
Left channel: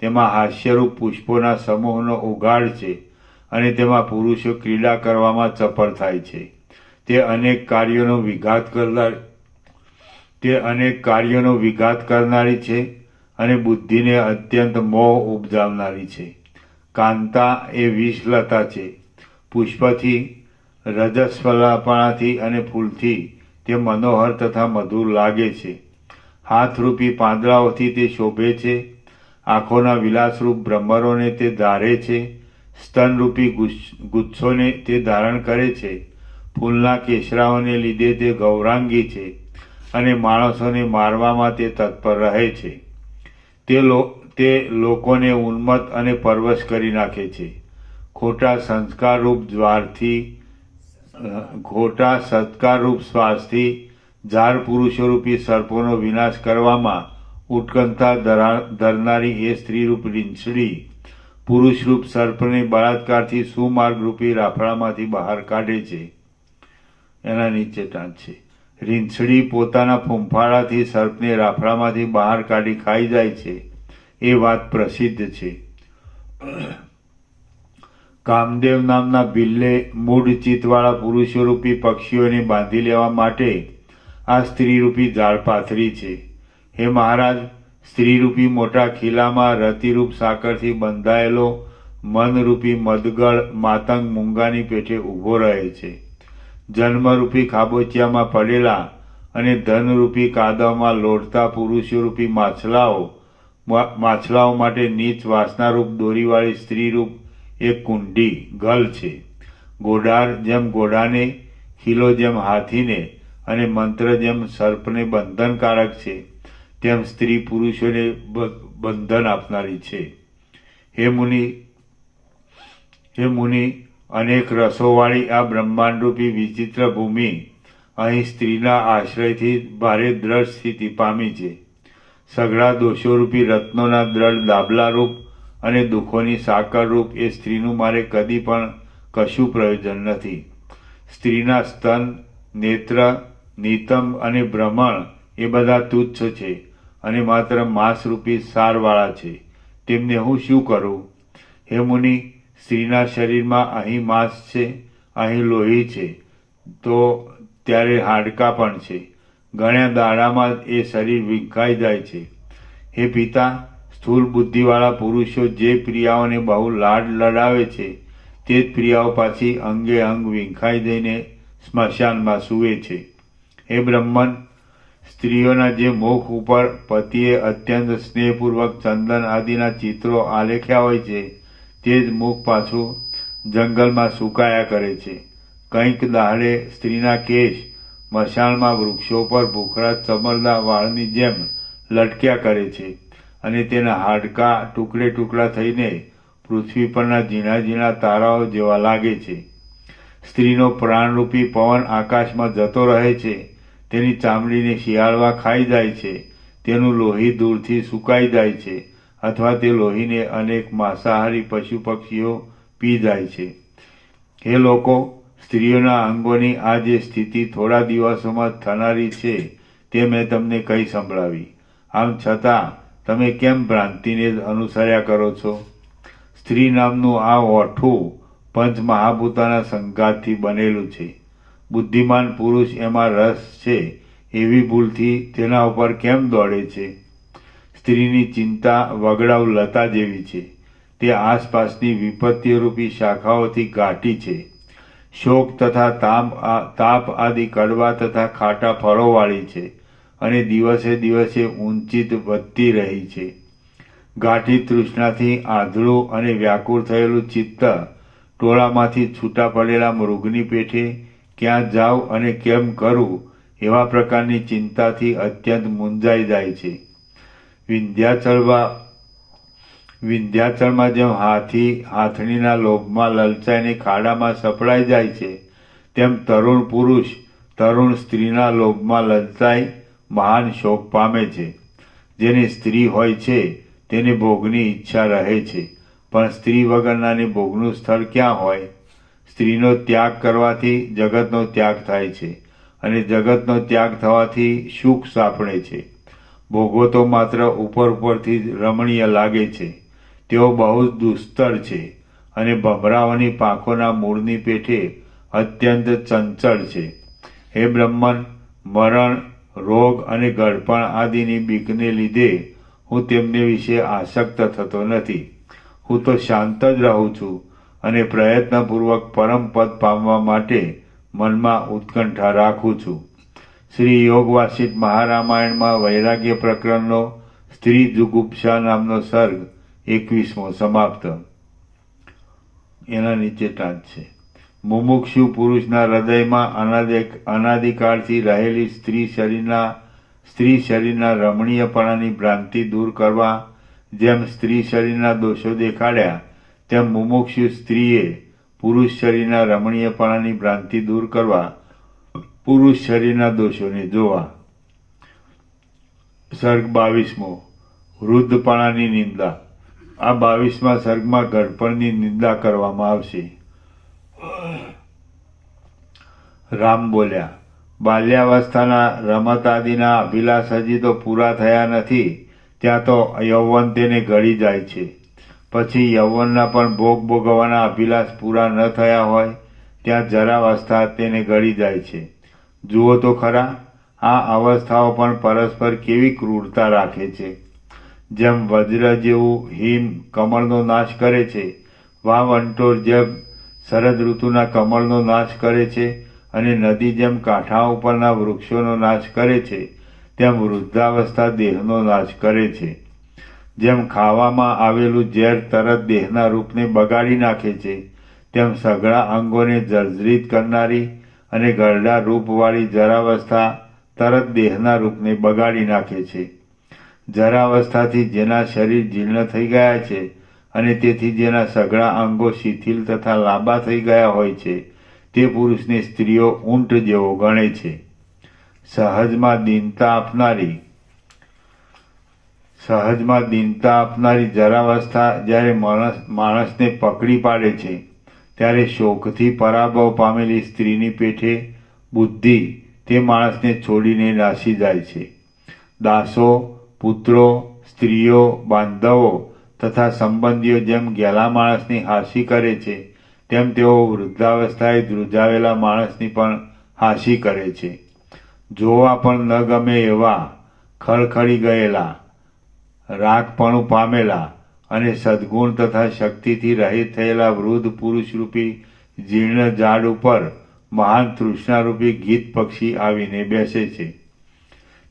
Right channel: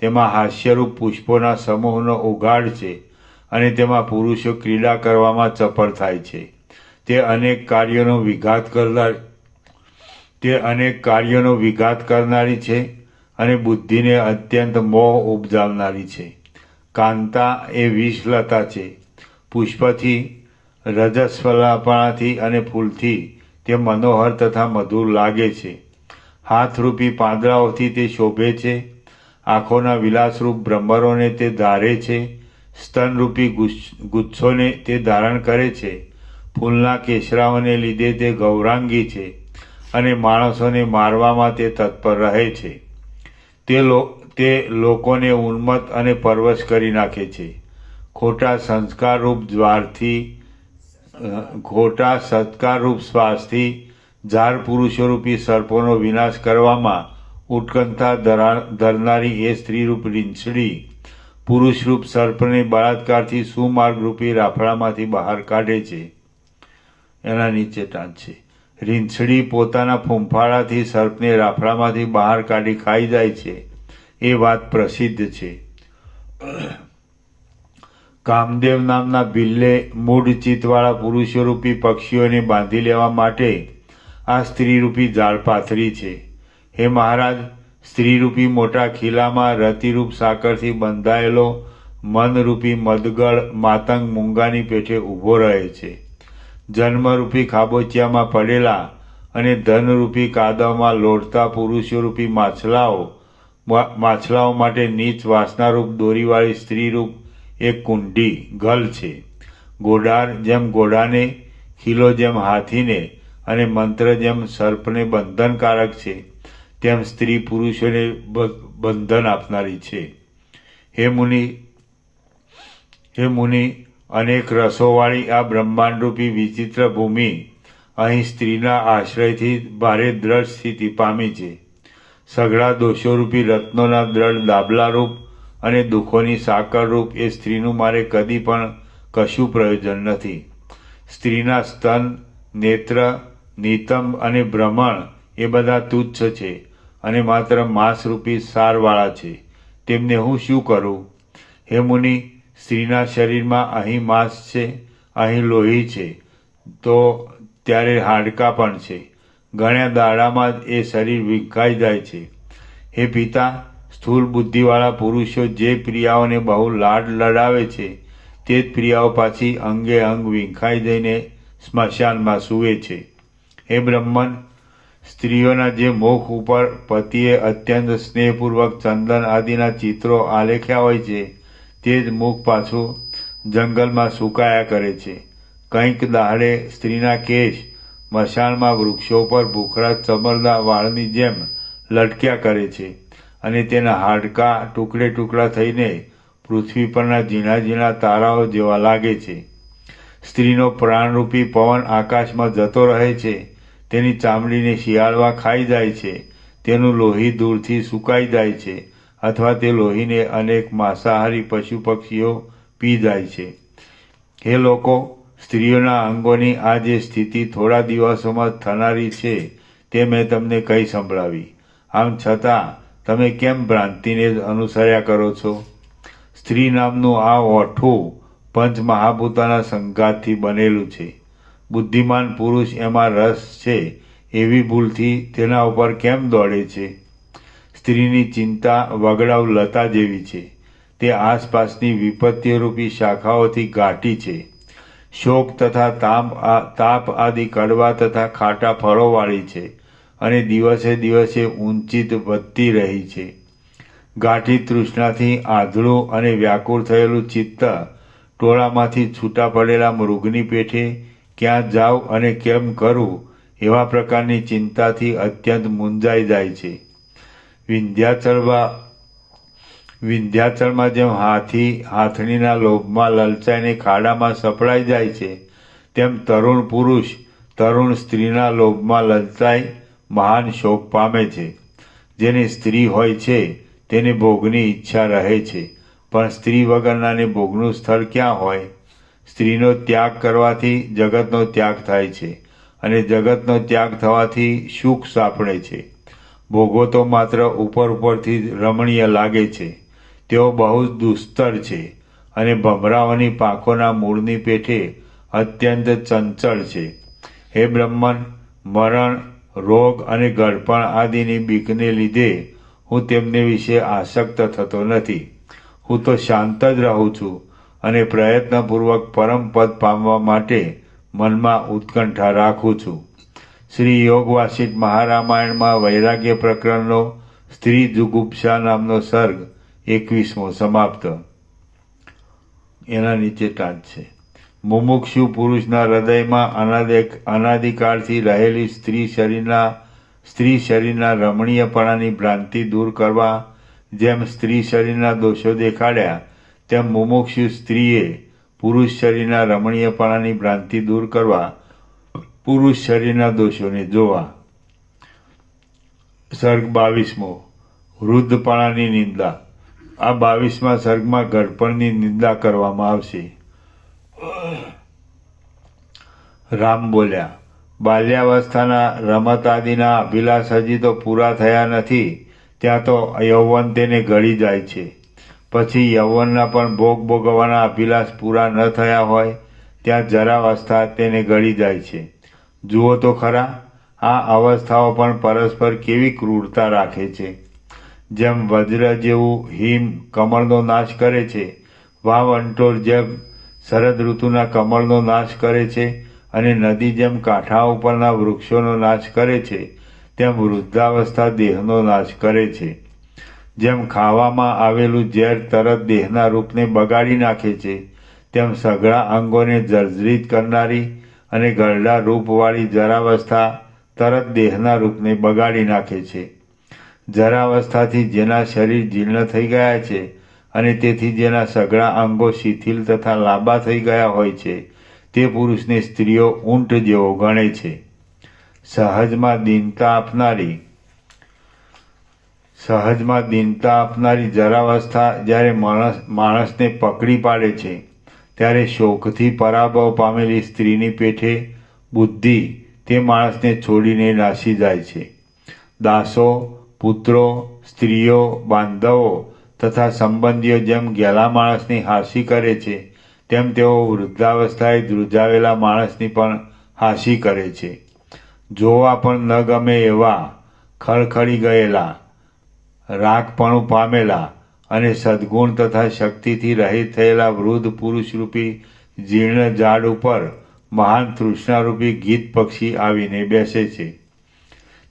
તેમાં હાસ્યરૂપ પુષ્પોના સમૂહનો ઉઘાડ છે અને તેમાં પુરુષો ક્રીડા કરવામાં ચપળ થાય છે. તે અનેક કાર્યોનો વિઘાત કરનારી છે અને બુદ્ધિને અત્યંત મોહ ઉપજાવનારી છે. કાંતા એ વિષલતા છે. પુષ્પથી, રજસ્વલાપણાથી અને ફૂલથી તે મનોહર તથા મધુર લાગે છે. હાથરૂપી પાંદડાઓથી તે શોભે છે. આંખોના વિલાસરૂપ ભ્રમરોને તે ધારે છે. સ્તનરૂપી ગુચ્છોને તે ધારણ કરે છે. ફૂલના કેસરાઓને લીધે તે ગૌરાંગી છે અને માણસોને મારવામાં તે તત્પર રહે છે. તે લોકોને ઉન્મત્ત અને પરવશ કરી નાખે છે. ખોટા સત્કારરૂપ શ્વાસથી ઝાર પુરુષોરૂપી સર્પોનો વિનાશ કરવામાં ઉત્કંઠા ધરનારી એ સ્ત્રીરૂપ રીંછડી પુરુષરૂપ સર્પને બળાત્કારથી સુમાર્ગરૂપી રાફડામાંથી બહાર કાઢે છે. એના નીચે ટાંચ છે. રીંછડી પોતાના ફૂંફાળાથી સર્પને રાફડામાંથી બહાર કાઢી ખાઈ જાય છે, એ વાત પ્રસિદ્ધ છે. કામદેવ નામના બિલ્લે મૂઢ ચિત્તવાળા પુરુષોરૂપી પક્ષીઓને બાંધી લેવા માટે આ સ્ત્રીરૂપી જાળ પાથરી છે. હે મહારાજ, સ્ત્રીરૂપી મોટા ખીલામાં રતિરૂપ સાકરથી બંધાયેલો મનરૂપી મદગળ માતંગ મૂંગાની પેઠે ઊભો રહે છે. જન્મરૂપી ખાબોચિયામાં પડેલા અને ધનરૂપી કાદવમાં લોટતા પુરુષોરૂપી માછલાઓ માટે નીચ વાસનારૂપ દોરીવાળી સ્ત્રીરૂપ એક કુંડી ગલ છે. ગોડાર જેમ ઘોડાને, ખીલો જેમ હાથીને અને મંત્ર જેમ સર્પને બંધનકારક છે, તેમ સ્ત્રી પુરુષોને બંધન આપનારી છે. હે મુનિ, અનેક રસોવાળી આ બ્રહ્માંડરૂપી વિચિત્ર ભૂમિ અહીં સ્ત્રીના આશ્રયથી ભારે દ્રઢ સ્થિતિ પામી છે. સઘળા દોષોરૂપી રત્નોના દ્રઢ દાબલારૂપ અને દુઃખોની સાકરરૂપ એ સ્ત્રીનું મારે કદી પણ કશું પ્રયોજન નથી. સ્ત્રીના સ્તન, નેત્ર, નિતંબ અને ભ્રમણ એ બધા તુચ્છ છે અને માત્ર માંસરૂપી સારવાળા છે. તેમને હું શું કરું? હે મુનિ, સ્ત્રીના શરીરમાં અહીં માંસ છે, અહીં લોહી છે, તો ત્યારે હાડકાં પણ છે. ઘણા દાડામાં જ એ શરીર વિખાઈ જાય છે. હે પિતા, સ્થૂળ બુદ્ધિવાળા પુરુષો જે પ્રિયાઓને બહુ લાડ લડાવે છે, તે જ પ્રિયાઓ પાછી અંગે અંગ વિખાઈ જઈને સ્મશાનમાં સૂવે છે. હે બ્રહ્મન, સ્ત્રીઓના જે મુખ ઉપર પતિએ અત્યંત સ્નેહપૂર્વક ચંદન આદિના ચિત્રો આલેખ્યા હોય છે, તે જ મુખ પાછું જંગલમાં સુકાયા કરે છે. કંઈક દાડે સ્ત્રીના કેશ મશાળમાં વૃક્ષો પર ભૂખરા ચમરદા વાળની જેમ લટક્યા કરે છે અને તેના હાડકાં ટુકડે ટુકડા થઈને પૃથ્વી પરના ઝીણા ઝીણા તારાઓ જેવા લાગે છે. સ્ત્રીનો પ્રાણરૂપી પવન આકાશમાં જતો રહે છે. તેની ચામડીને શિયાળવા ખાઈ જાય છે. તેનું લોહી દૂરથી સુકાઈ જાય છે અથવા તે લોહીને અનેક માંસાહારી પશુ પક્ષીઓ પી જાય છે. હે લોકો, સ્ત્રીઓના અંગોની આ જે સ્થિતિ થોડા દિવસોમાં થનારી છે તે મેં તમને કહી સંભળાવી. આમ છતાં તમે કેમ ભ્રાંતિને અનુસર્યા કરો છો? સ્ત્રી નામનું આ ઓઠું પંચ મહાભૂતોના સંઘાતથી બનેલું છે. બુદ્ધિમાન પુરુષ એમાં રસ છે એવી ભૂલથી તેના ઉપર કેમ દોડે છે? સ્ત્રીની ચિંતા વગડાઉ લતા જેવી છે. તે આસપાસની વિપત્તિરૂપી શાખાઓથી ગાંઠી છે. શોક તથા તાપ આદિ કડવા તથા ખાટા ફળોવાળી છે અને દિવસે દિવસે ઊંચી વધતી રહી છે. ગાંઠી તૃષ્ણાથી આંધળું અને વ્યાકુળ થયેલું ચિત્ત ટોળામાંથી છૂટા પડેલા મૃગની પેઠે ક્યાં જાઉં અને કેમ કરું એવા પ્રકારની ચિંતાથી અત્યંત મૂંઝાઈ જાય છે. વિંધ્યાચળમાં જેમ હાથી હાથણીના લોભમાં લલચાઈને ખાડામાં સપડાઈ જાય છે, તેમ તરુણ પુરુષ તરુણ સ્ત્રીના લોભમાં લલચાઈ મહાન શોક પામે છે. જેની સ્ત્રી હોય છે તેને ભોગની ઈચ્છા રહે છે, પણ સ્ત્રી વગરનાને ભોગનું સ્થળ ક્યાં હોય? સ્ત્રીનો ત્યાગ કરવાથી જગતનો ત્યાગ થાય છે અને જગતનો ત્યાગ થવાથી સુખ સાંપડે છે. ભોગો તો માત્ર ઉપરથી જ રમણીય લાગે છે, તેઓ બહુ દુસ્તર છે અને ભમરાઓની પાંખોના મૂળની પેઠે અત્યંત ચંચળ છે. હે બ્રહ્મન, મરણ, રોગ અને ગળપણ આદિની બીકને લીધે હું તેમને વિશે આસક્ત થતો નથી. હું તો શાંત જ રહું છું અને પ્રયત્નપૂર્વક પરમ પદ પામવા માટે મનમાં ઉત્કંઠા રાખું છું. શ્રી યોગ વાસિષ્ઠ મહારામાયણમાં વૈરાગ્ય પ્રકરણનો સ્ત્રી જુગુપ્સા નામનો સર્ગ 21મો સમાપ્ત. એના નીચે ટાંચ છે. મુમુક્ષુ પુરુષના હૃદયમાં અનાદિકાળથી રહેલી સ્ત્રી શરીરના રમણીયપણાની ભ્રાંતિ દૂર કરવા જેમ સ્ત્રી શરીરના દોષો દેખાડ્યા, તેમ મુમુક્ષુ સ્ત્રીએ પુરુષ શરીરના રમણીયપણાની ભ્રાંતિ દૂર કરવા પુરુષ શરીરના દોષોને જોવા. સર્ગ 22મો વૃદ્ધપણાની નિંદા. આ 22મા સર્ગમાં ઘડપણની નિંદા કરવામાં આવશે. રામ બોલ્યા, બાલ્યાવસ્થાના રમત આદિના અભિલાષ હજી તો પૂરા થયા નથી, ત્યાં તો યૌવન તેને ગળી જાય છે. પછી યૌવનના પણ ભોગ ભોગવવાના અભિલાષ પૂરા ન થયા હોય ત્યાં જરાવસ્થા તેને ગળી જાય છે. જુઓ તો ખરા, આ અવસ્થાઓ પણ પરસ્પર કેવી ક્રૂરતા રાખે છે. જેમ વજ્ર જેવું હિમ કમળનો નાશ કરે છે, વાવંટોળ જેમ શરદ ઋતુના કમળનો નાશ કરે છે અને નદી જેમ કાંઠા ઉપરના વૃક્ષોનો નાશ કરે છે, તેમ વૃદ્ધાવસ્થા દેહનો નાશ કરે છે. જેમ ખાવામાં આવેલું ઝેર તરત દેહના રૂપને બગાડી નાખે છે, તેમ સઘળા અંગોને જર્જરિત કરનારી અને ગરડા રૂપવાળી જરાવસ્થા તરત દેહના રૂપને બગાડી નાખે છે. જરાવસ્થાથી જેના શરીર જીર્ણ થઈ ગયા છે અને તેથી જેના સઘળા અંગો શિથિલ તથા લાંબા થઈ ગયા હોય છે, તે પુરુષને સ્ત્રીઓ ઊંટ જેવો ગણે છે. સહજમાં દીનતા આપનારી જરાવસ્થા જ્યારે માણસને પકડી પાડે છે, ત્યારે શોકથી પરાભવ પામેલી સ્ત્રીની પેઠે બુદ્ધિ તે માણસને છોડીને નાસી જાય છે. દાસો, પુત્રો, સ્ત્રીઓ, બાંધવો તથા સંબંધીઓ જેમ ગેલા માણસની હાંસી કરે છે, તેમ તેઓ વૃદ્ધાવસ્થાએ ધ્રુજાવેલા માણસની પણ હાંસી કરે છે. જોવા પણ ન ગમે એવા ખળખળી ગયેલા, રાગપણું પામેલા અને સદ્ગુણ તથા શક્તિથી રહિત થયેલા વૃદ્ધ પુરુષરૂપી જીર્ણ ઝાડ ઉપર મહાન તૃષ્ણારૂપી ગીત પક્ષી આવીને બેસે છે.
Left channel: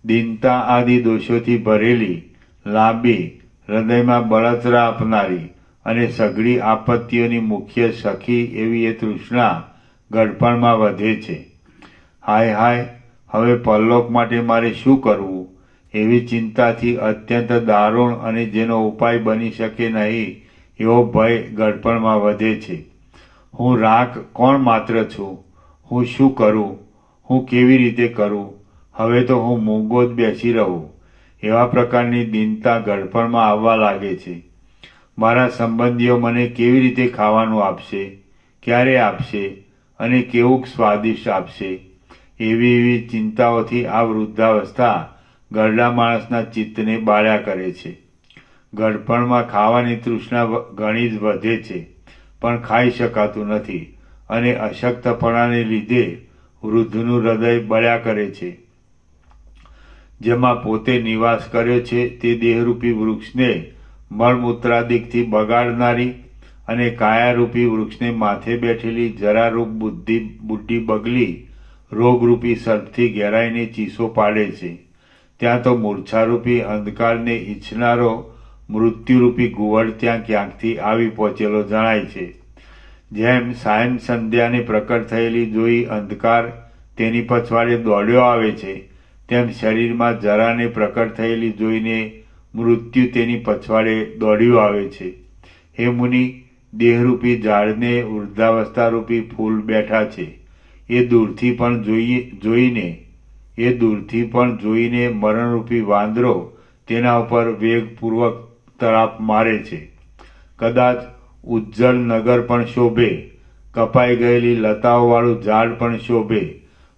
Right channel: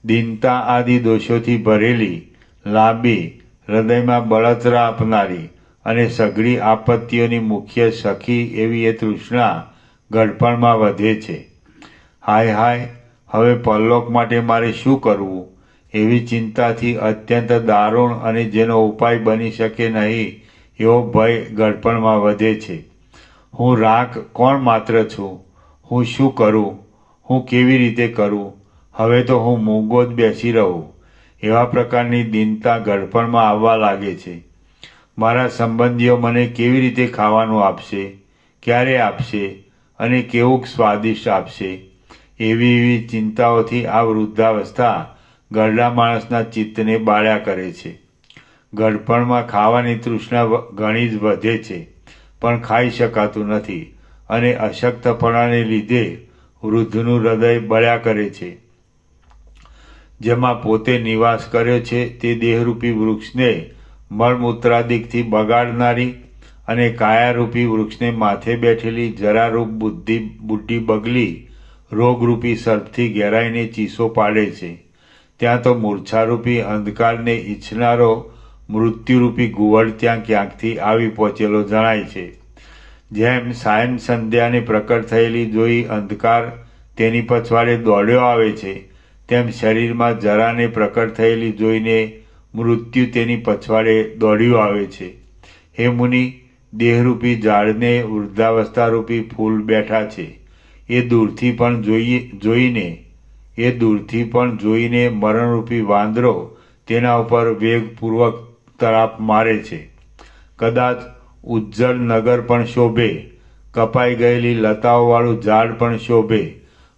દીનતા આદિ દોષોથી ભરેલી, લાંબી, હૃદયમાં બળતરા આપનારી અને સઘળી આપત્તિઓની મુખ્ય સખી એવી એ તૃષ્ણા ગળપણમાં વધે છે. હાય હાય, હવે પરલોક માટે મારે શું કરવું? એવી ચિંતાથી અત્યંત દારૂણ અને જેનો ઉપાય બની શકે નહીં એવો ભય ગળપણમાં વધે છે. હું રાખ કોણ માત્ર છું? હું શું કરું? હું કેવી રીતે કરું? હવે તો હું મૂંગો જ બેસી રહું. એવા પ્રકારની દીનતા ગળપણમાં આવવા લાગે છે. મારા સંબંધીઓ મને કેવી રીતે ખાવાનું આપશે, ક્યારે આપશે અને કેવું સ્વાદિષ્ટ આપશે, એવી ચિંતાઓથી આ વૃદ્ધાવસ્થા ઘરડા માણસના ચિત્તને બાળ્યા કરે છે. ગળપણમાં ખાવાની તૃષ્ણા ઘણી જ વધે છે, પણ ખાઈ શકાતું નથી અને અશક્તપણાને લીધે વૃદ્ધનું હૃદય બળ્યા કરે છે. જેમાં પોતે નિવાસ કર્યો છે તે દેહરૂપી વૃક્ષને મળમૂત્રાદિકથી બગાડનારી અને કાયારૂપી વૃક્ષને માથે બેઠેલી જરારૂપ બુઢી બગલી રોગરૂપી સર્પથી ઘેરાઈને ચીસો પાડે છે. ત્યાં તો મૂર્છારૂપી અંધકારને ઈચ્છનારો મૃત્યુરૂપી ઘુવડ ત્યાં ક્યાંકથી આવી પહોંચેલો જણાય છે. જેમ સાયન સંધ્યાને પ્રકટ થયેલી જોઈ અંધકાર તેની પછવાડે દોડ્યો આવે છે, તેમ શરીરમાં જરાને પ્રકટ થયેલી જોઈને મૃત્યુ તેની પછવાડે દોડ્યું આવે છે. હે મુનિ, દેહરૂપી ઝાડને વૃદ્ધાવસ્થારૂપી ફૂલ બેઠા છે. એ દૂરથી પણ જોઈને મરણરૂપી વાંદરો તેના ઉપર વેગપૂર્વક તરાપ મારે છે. કદાચ ઉજ્જળ નગર પણ શોભે, કપાઈ ગયેલી લતાઓવાળું ઝાડ પણ શોભે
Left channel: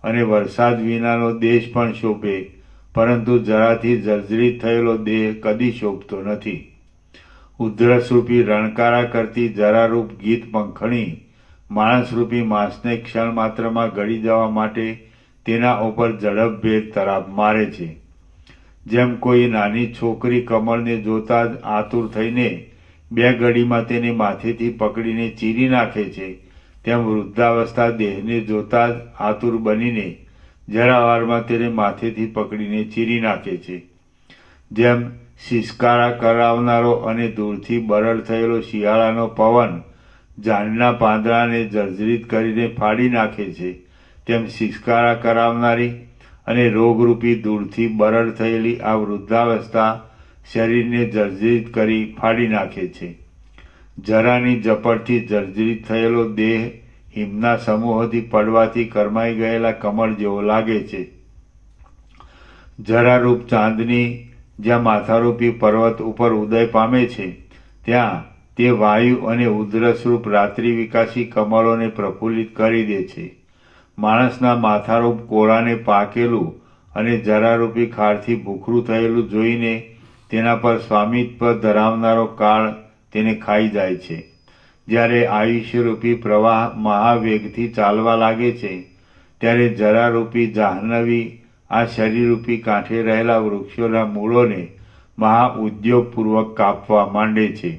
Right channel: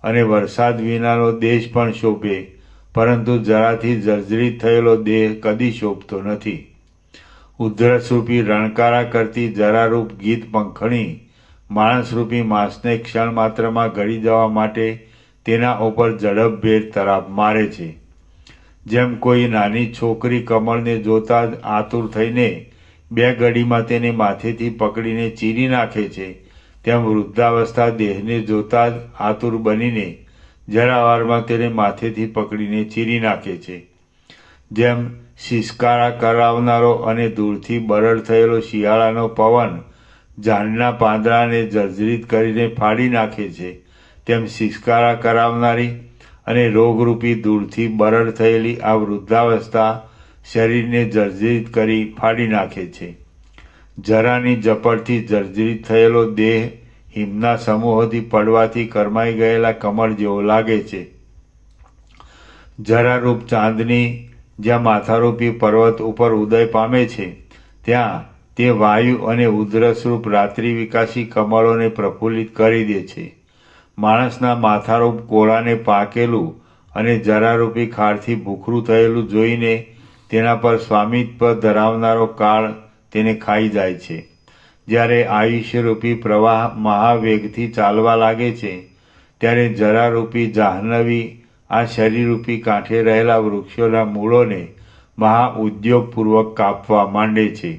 અને વરસાદ વિનાનો દેશ પણ શોભે, પરંતુ જરાથી જર્જરિત થયેલો દેહ કદી શોભતો નથી. ઉધરસરૂપી રણકારા કરતી જરારૂપ ગીત પંખણી માણસરૂપી માંસને ક્ષણ માત્રમાં ગળી જવા માટે તેના ઉપર ઝડપભેર તરાપ મારે છે. જેમ કોઈ નાની છોકરી કમળને જોતા જ આતુર થઈને 2 ઘડીમાં તેને માથેથી પકડીને ચીરી નાખે છે, તેમ વૃદ્ધાવસ્થા દેહને જોતા જ આતુર બનીને જરાવારમાં તેને માથેથી પકડીને ચીરી નાખે છે. જેમ શિષ્કારા કરાવનારો અને દૂરથી બરડ થયેલો શિયાળાનો પવન ઝાડના પાંદડાને જર્જરિત કરીને ફાડી નાખે છે, તેમ શિષ્કારા કરાવનારી અને રોગરૂપી દૂરથી બરડ થયેલી આ વૃદ્ધાવસ્થા શરીરને જર્જરિત કરી ફાડી નાખે છે. જરાની ઝપટથી જર્જરિત થયેલો દેહ હિમના સમૂહોથી પડવાથી કરમાઈ ગયેલા કમળ જેવો લાગે છે. જરારૂપ ચાંદની જ્યાં માથારૂપી પર્વત ઉપર ઉદય પામે છે, ત્યાં તે વાયુ અને ઉધરસરૂપ રાત્રિ વિકાસી કમળોને પ્રફુલ્લિત કરી દે છે. માણસના માથારૂપ કોળાને પાકેલું અને જરારૂપી ખારથી ભૂખરું થયેલું જોઈને તેના પર સ્વામિત્વ ધરાવનારો કાળ તેને ખાઈ જાય છે. જ્યારે આયુષ્યરૂપી પ્રવાહ મહાવેગથી ચાલવા લાગે છે, ત્યારે જરારૂપી જાહ્નવી આ શરીરરૂપી કાંઠે રહેલા વૃક્ષોના મૂળોને મહા ઉદ્યોગપૂર્વક કાપવા માંડે છે.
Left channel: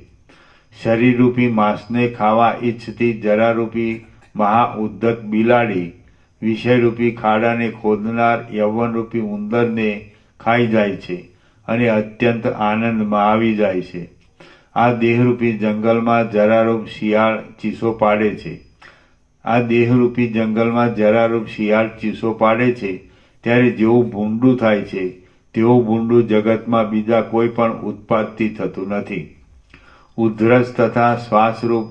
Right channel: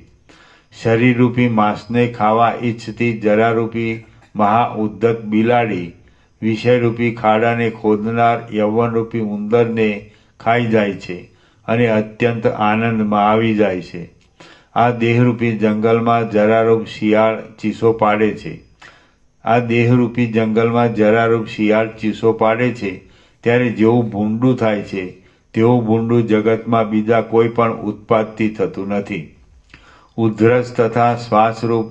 શરીરરૂપી માંસને ખાવા ઈચ્છતી જરારૂપી મહા ઉદ્ધત બિલાડી વિષયરૂપી ખાડાને ખોદનાર યૌવનરૂપી ઉંદરને ખાઈ જાય છે અને અત્યંત આનંદમાં આવી જાય છે. આ દેહરૂપી જંગલમાં જરારૂપ શિયાળ ચીસો પાડે છે. ત્યારે જેવું ભૂંડું થાય છે તેવું ભૂંડું જગતમાં બીજા કોઈ પણ ઉત્પાદથી થતું નથી. ઉધરસ તથા શ્વાસરૂપ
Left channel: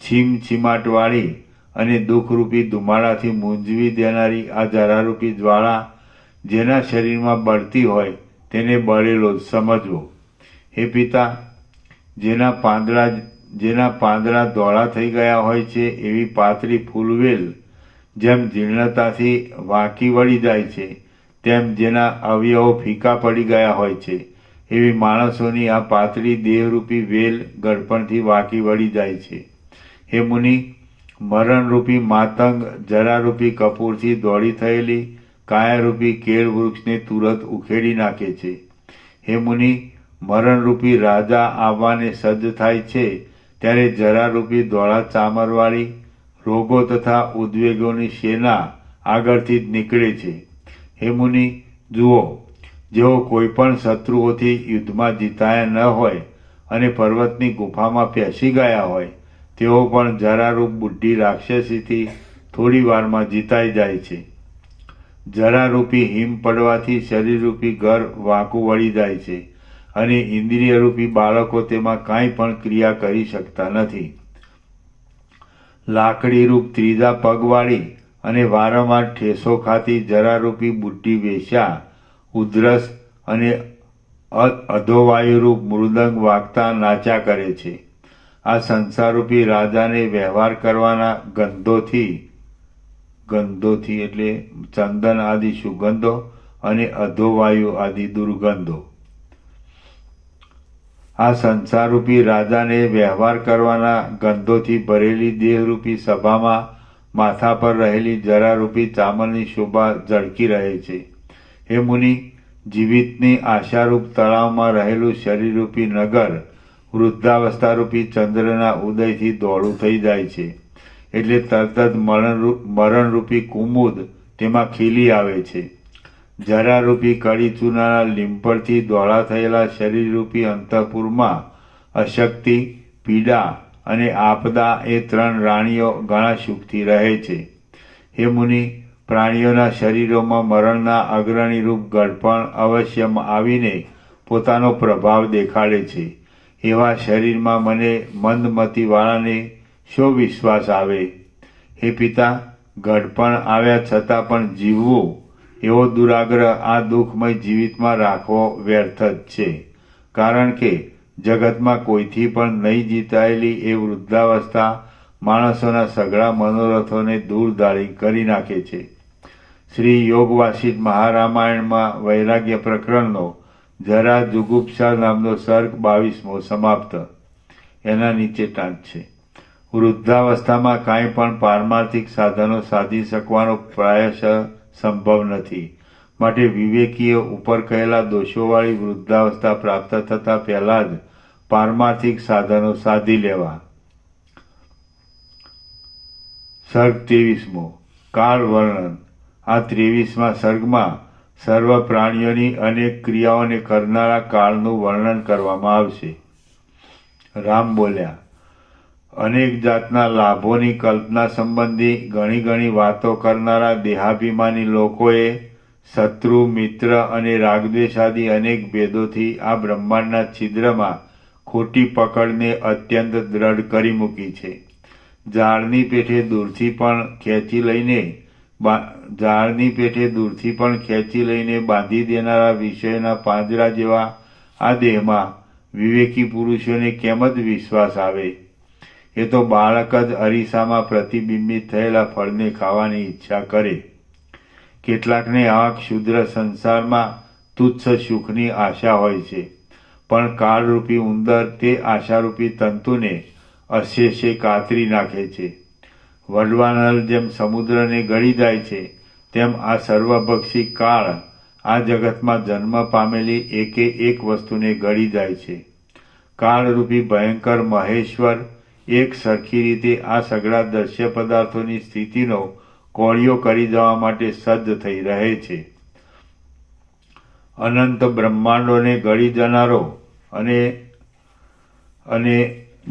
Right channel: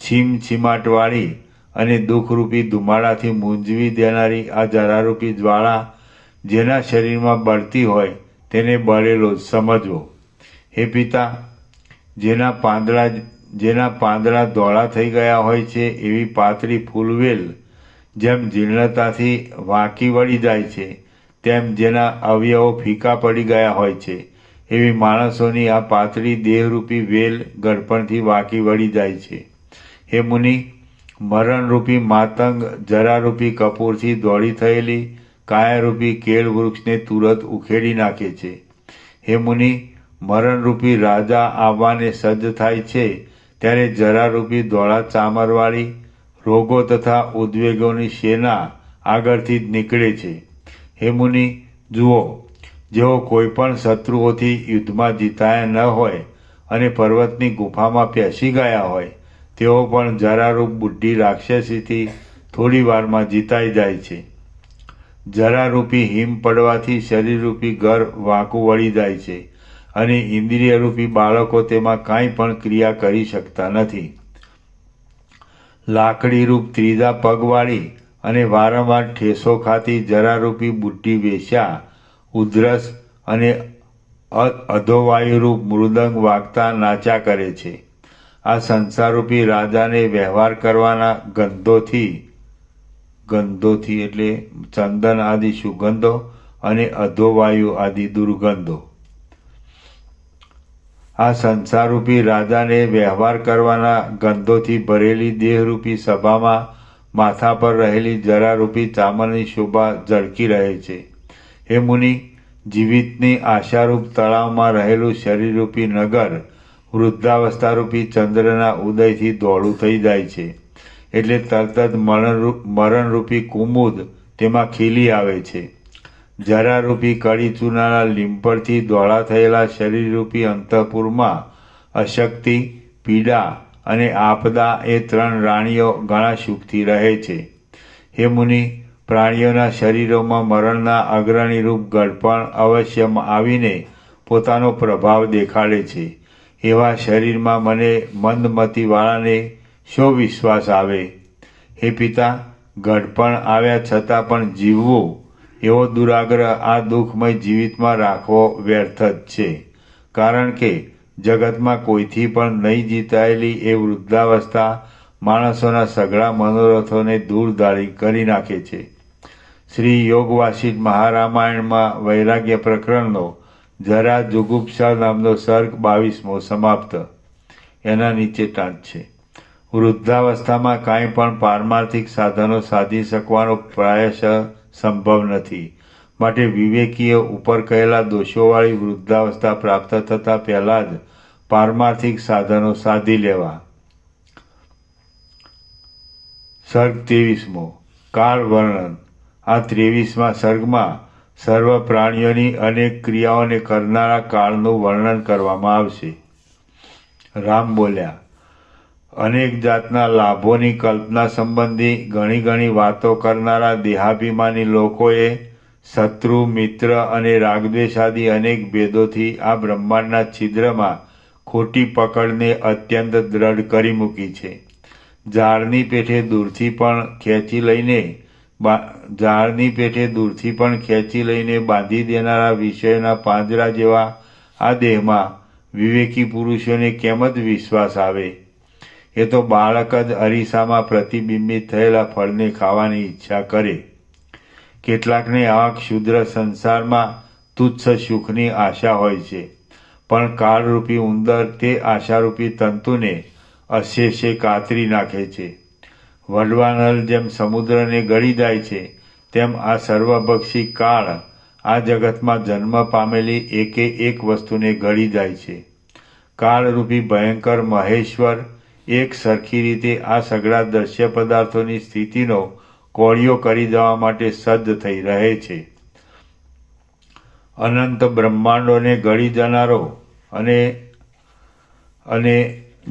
છીમછીમાટવાળી અને દુઃખરૂપી ધુમાડાથી મૂંઝવી દેનારી આ જરારૂપી જ્વાળા જેના શરીરમાં બળતી હોય તેને બળેલો જ સમજવો. હે પિતા, જેના પાંદડા ધોળા થઈ ગયા હોય છે એવી પાતળી ફૂલવેલ જેમ જીર્ણતાથી વાંકી વળી જાય છે, તેમ જેના અવયવો ફીકા પડી ગયા હોય છે એવી માણસોની આ પાતળી દેહરૂપી વેલ ગળપણથી વાંકી વળી જાય છે. હે મુનિ, મરણરૂપી માતંગ જરારૂપી કપૂરથી દોડી થયેલી કાયારૂપી કેળ વૃક્ષને તુરત ઉખેડી નાખે છે. હે મુનિ, મરણરૂપી રાજા આવવાને સજ્જ થાય છે ત્યારે જરારૂપી ધોળા ચામરવાળી રોગો તથા ઉદ્વેગોની સેના આગળથી જ નીકળે છે. હે મુનિ, જુઓ, જેઓ કોઈ પણ શત્રુઓથી યુદ્ધમાં જીતાયા ન હોય અને પર્વતની ગુફામાં પેસી ગયા હોય, તેઓ પણ જરારૂપ બુઢી રાક્ષસીથી થોડી વારમાં જીતાઈ જાય છે. જરારૂપી હિમ પડવાથી શરીરરૂપી ઘર વાંકું વળી જાય છે અને ઇન્દ્રિયરૂપી બાળકો તેમાં કાંઈ પણ ક્રિયા કરી શકતા નથી. લાકડીરૂપ ત્રીજા પગવાળી અને વારંવાર ઠેસો ખાતી જરારૂપી બુઢી વેશ્યા ઉધરસ અને અધોવાયુરૂપ મૃદંગ વાગતા નાચ્યા કરે છે. આ સંસારરૂપી રાજાને વ્યવહાર કરવાના ગંધોથી એટલે ચંદન આદિ સુગંધો અને અધોવાયુ આદિ દુર્ગંધો. આ સંસારરૂપી રાજાને વ્યવહાર કરવાના ગંધોથી ભરેલી દેહરૂપી સભામાં માથા પર રહેલી જરારૂપી ચામરની શોભા ઝળકી રહે છે. હે મુનિ, જીવિતની આશારૂપ તળાવમાં રહેલું શરીરરૂપી નગર વૃદ્ધાવસ્થારૂપી ચંદ્રના ઉદયથી દોડું થઈ જાય છે. એટલે તરત જ મરણરૂપી કુમુદ તેમાં ખીલી આવે છે. જરારૂપી કડી ચૂનાના લીંપણથી દોડા થયેલા શરીરરૂપી અંતઃપુરમાં અશક્તિ, પીડા અને આપદા એ 3 રાણીઓ ઘણા સુખથી રહે છે. હે મુનિ, પ્રાણીઓના શરીરોમાં મરણના અગ્રણી રૂપ ગળપણ અવશ્ય આવીને પોતાનો પ્રભાવ દેખાડે છે. એવા શરીરમાં મને મંદમતીવાળાને શો વિશ્વાસ આવે? હે પિતા, ગળપણ આવ્યા છતાં પણ જીવવું એવો દુરાગ્રહ આ દુઃખમય જીવિતમાં રાખવો વ્યર્થ જ છે. કારણ કે જગતમાં કોઈથી પણ નહીં જીતાયેલી એ વૃદ્ધાવસ્થા માણસોના સઘળા મનોરથોને દૂરદાળી કરી નાખે છે. શ્રી યોગવાસિષ્ઠ મહારામાયણમાં વૈરાગ્ય પ્રકરણનો જરા જુગુપ્સા નામનો સર્ગ 22મો સમાપ્ત. એના નીચે ટાંચ છે. વૃદ્ધાવસ્થામાં કાંઈ પણ પારમાર્થિક સાધનો સાધી શકવાનો પ્રાયશ સંભવ નથી. માટે વિવેકીએ ઉપર કહેલા દોષોવાળી વૃદ્ધાવસ્થા પ્રાપ્ત થતા પહેલા જ પારમાર્થિક સાધનો સાધી લેવા. સર્ગ 23મો કાળ વર્ણન. આ 23મા સર્ગમાં સર્વ પ્રાણીઓની અનેક ક્રિયાઓને કરનારા કાળનું વર્ણન કરવામાં આવશે. રામ બોલ્યા, અનેક જાતના લાભોની કલ્પના સંબંધી ઘણી વાતો કરનારા દેહાભિમાની લોકોએ શત્રુ, મિત્ર અને રાગદ્વેષ આદિ અનેક ભેદોથી આ બ્રહ્માંડના છિદ્રમાં ખોટી પકડને અત્યંત દ્રઢ કરી મૂકી છે. ઝાડની પેઠે દૂરથી પણ ખેંચી લઈને બાંધી દેનારા વિષયોના પાંજરા જેવા આ દેહમાં વિવેકી પુરુષોને કેમ જ વિશ્વાસ આવે? એ તો બાળક જ અરીસામાં પ્રતિબિંબિત થયેલા ફળને ખાવાની ઈચ્છા કરે. કેટલાકને આ ક્ષુદ્ર સંસારમાં તુચ્છ સુખની આશા હોય છે, પણ કાળરૂપી ઉંદર તે આશારૂપી તંતુને અશેષે કાતરી નાખે છે. વડવાનળ જેમ સમુદ્રને ગળી જાય છે, તેમ આ સર્વભક્ષી કાળ આ જગતમાં જન્મ પામેલી એકે એક વસ્તુને ગળી જાય છે. કાળરૂપી ભયંકર મહેશ્વર એક સરખી રીતે આ સઘળા દ્રશ્ય પદાર્થોની સ્થિતિનો કોળિયો કરી જવા માટે સજ્જ થઈ રહે છે. અનંત બ્રહ્માંડોને ગળી જનારો અને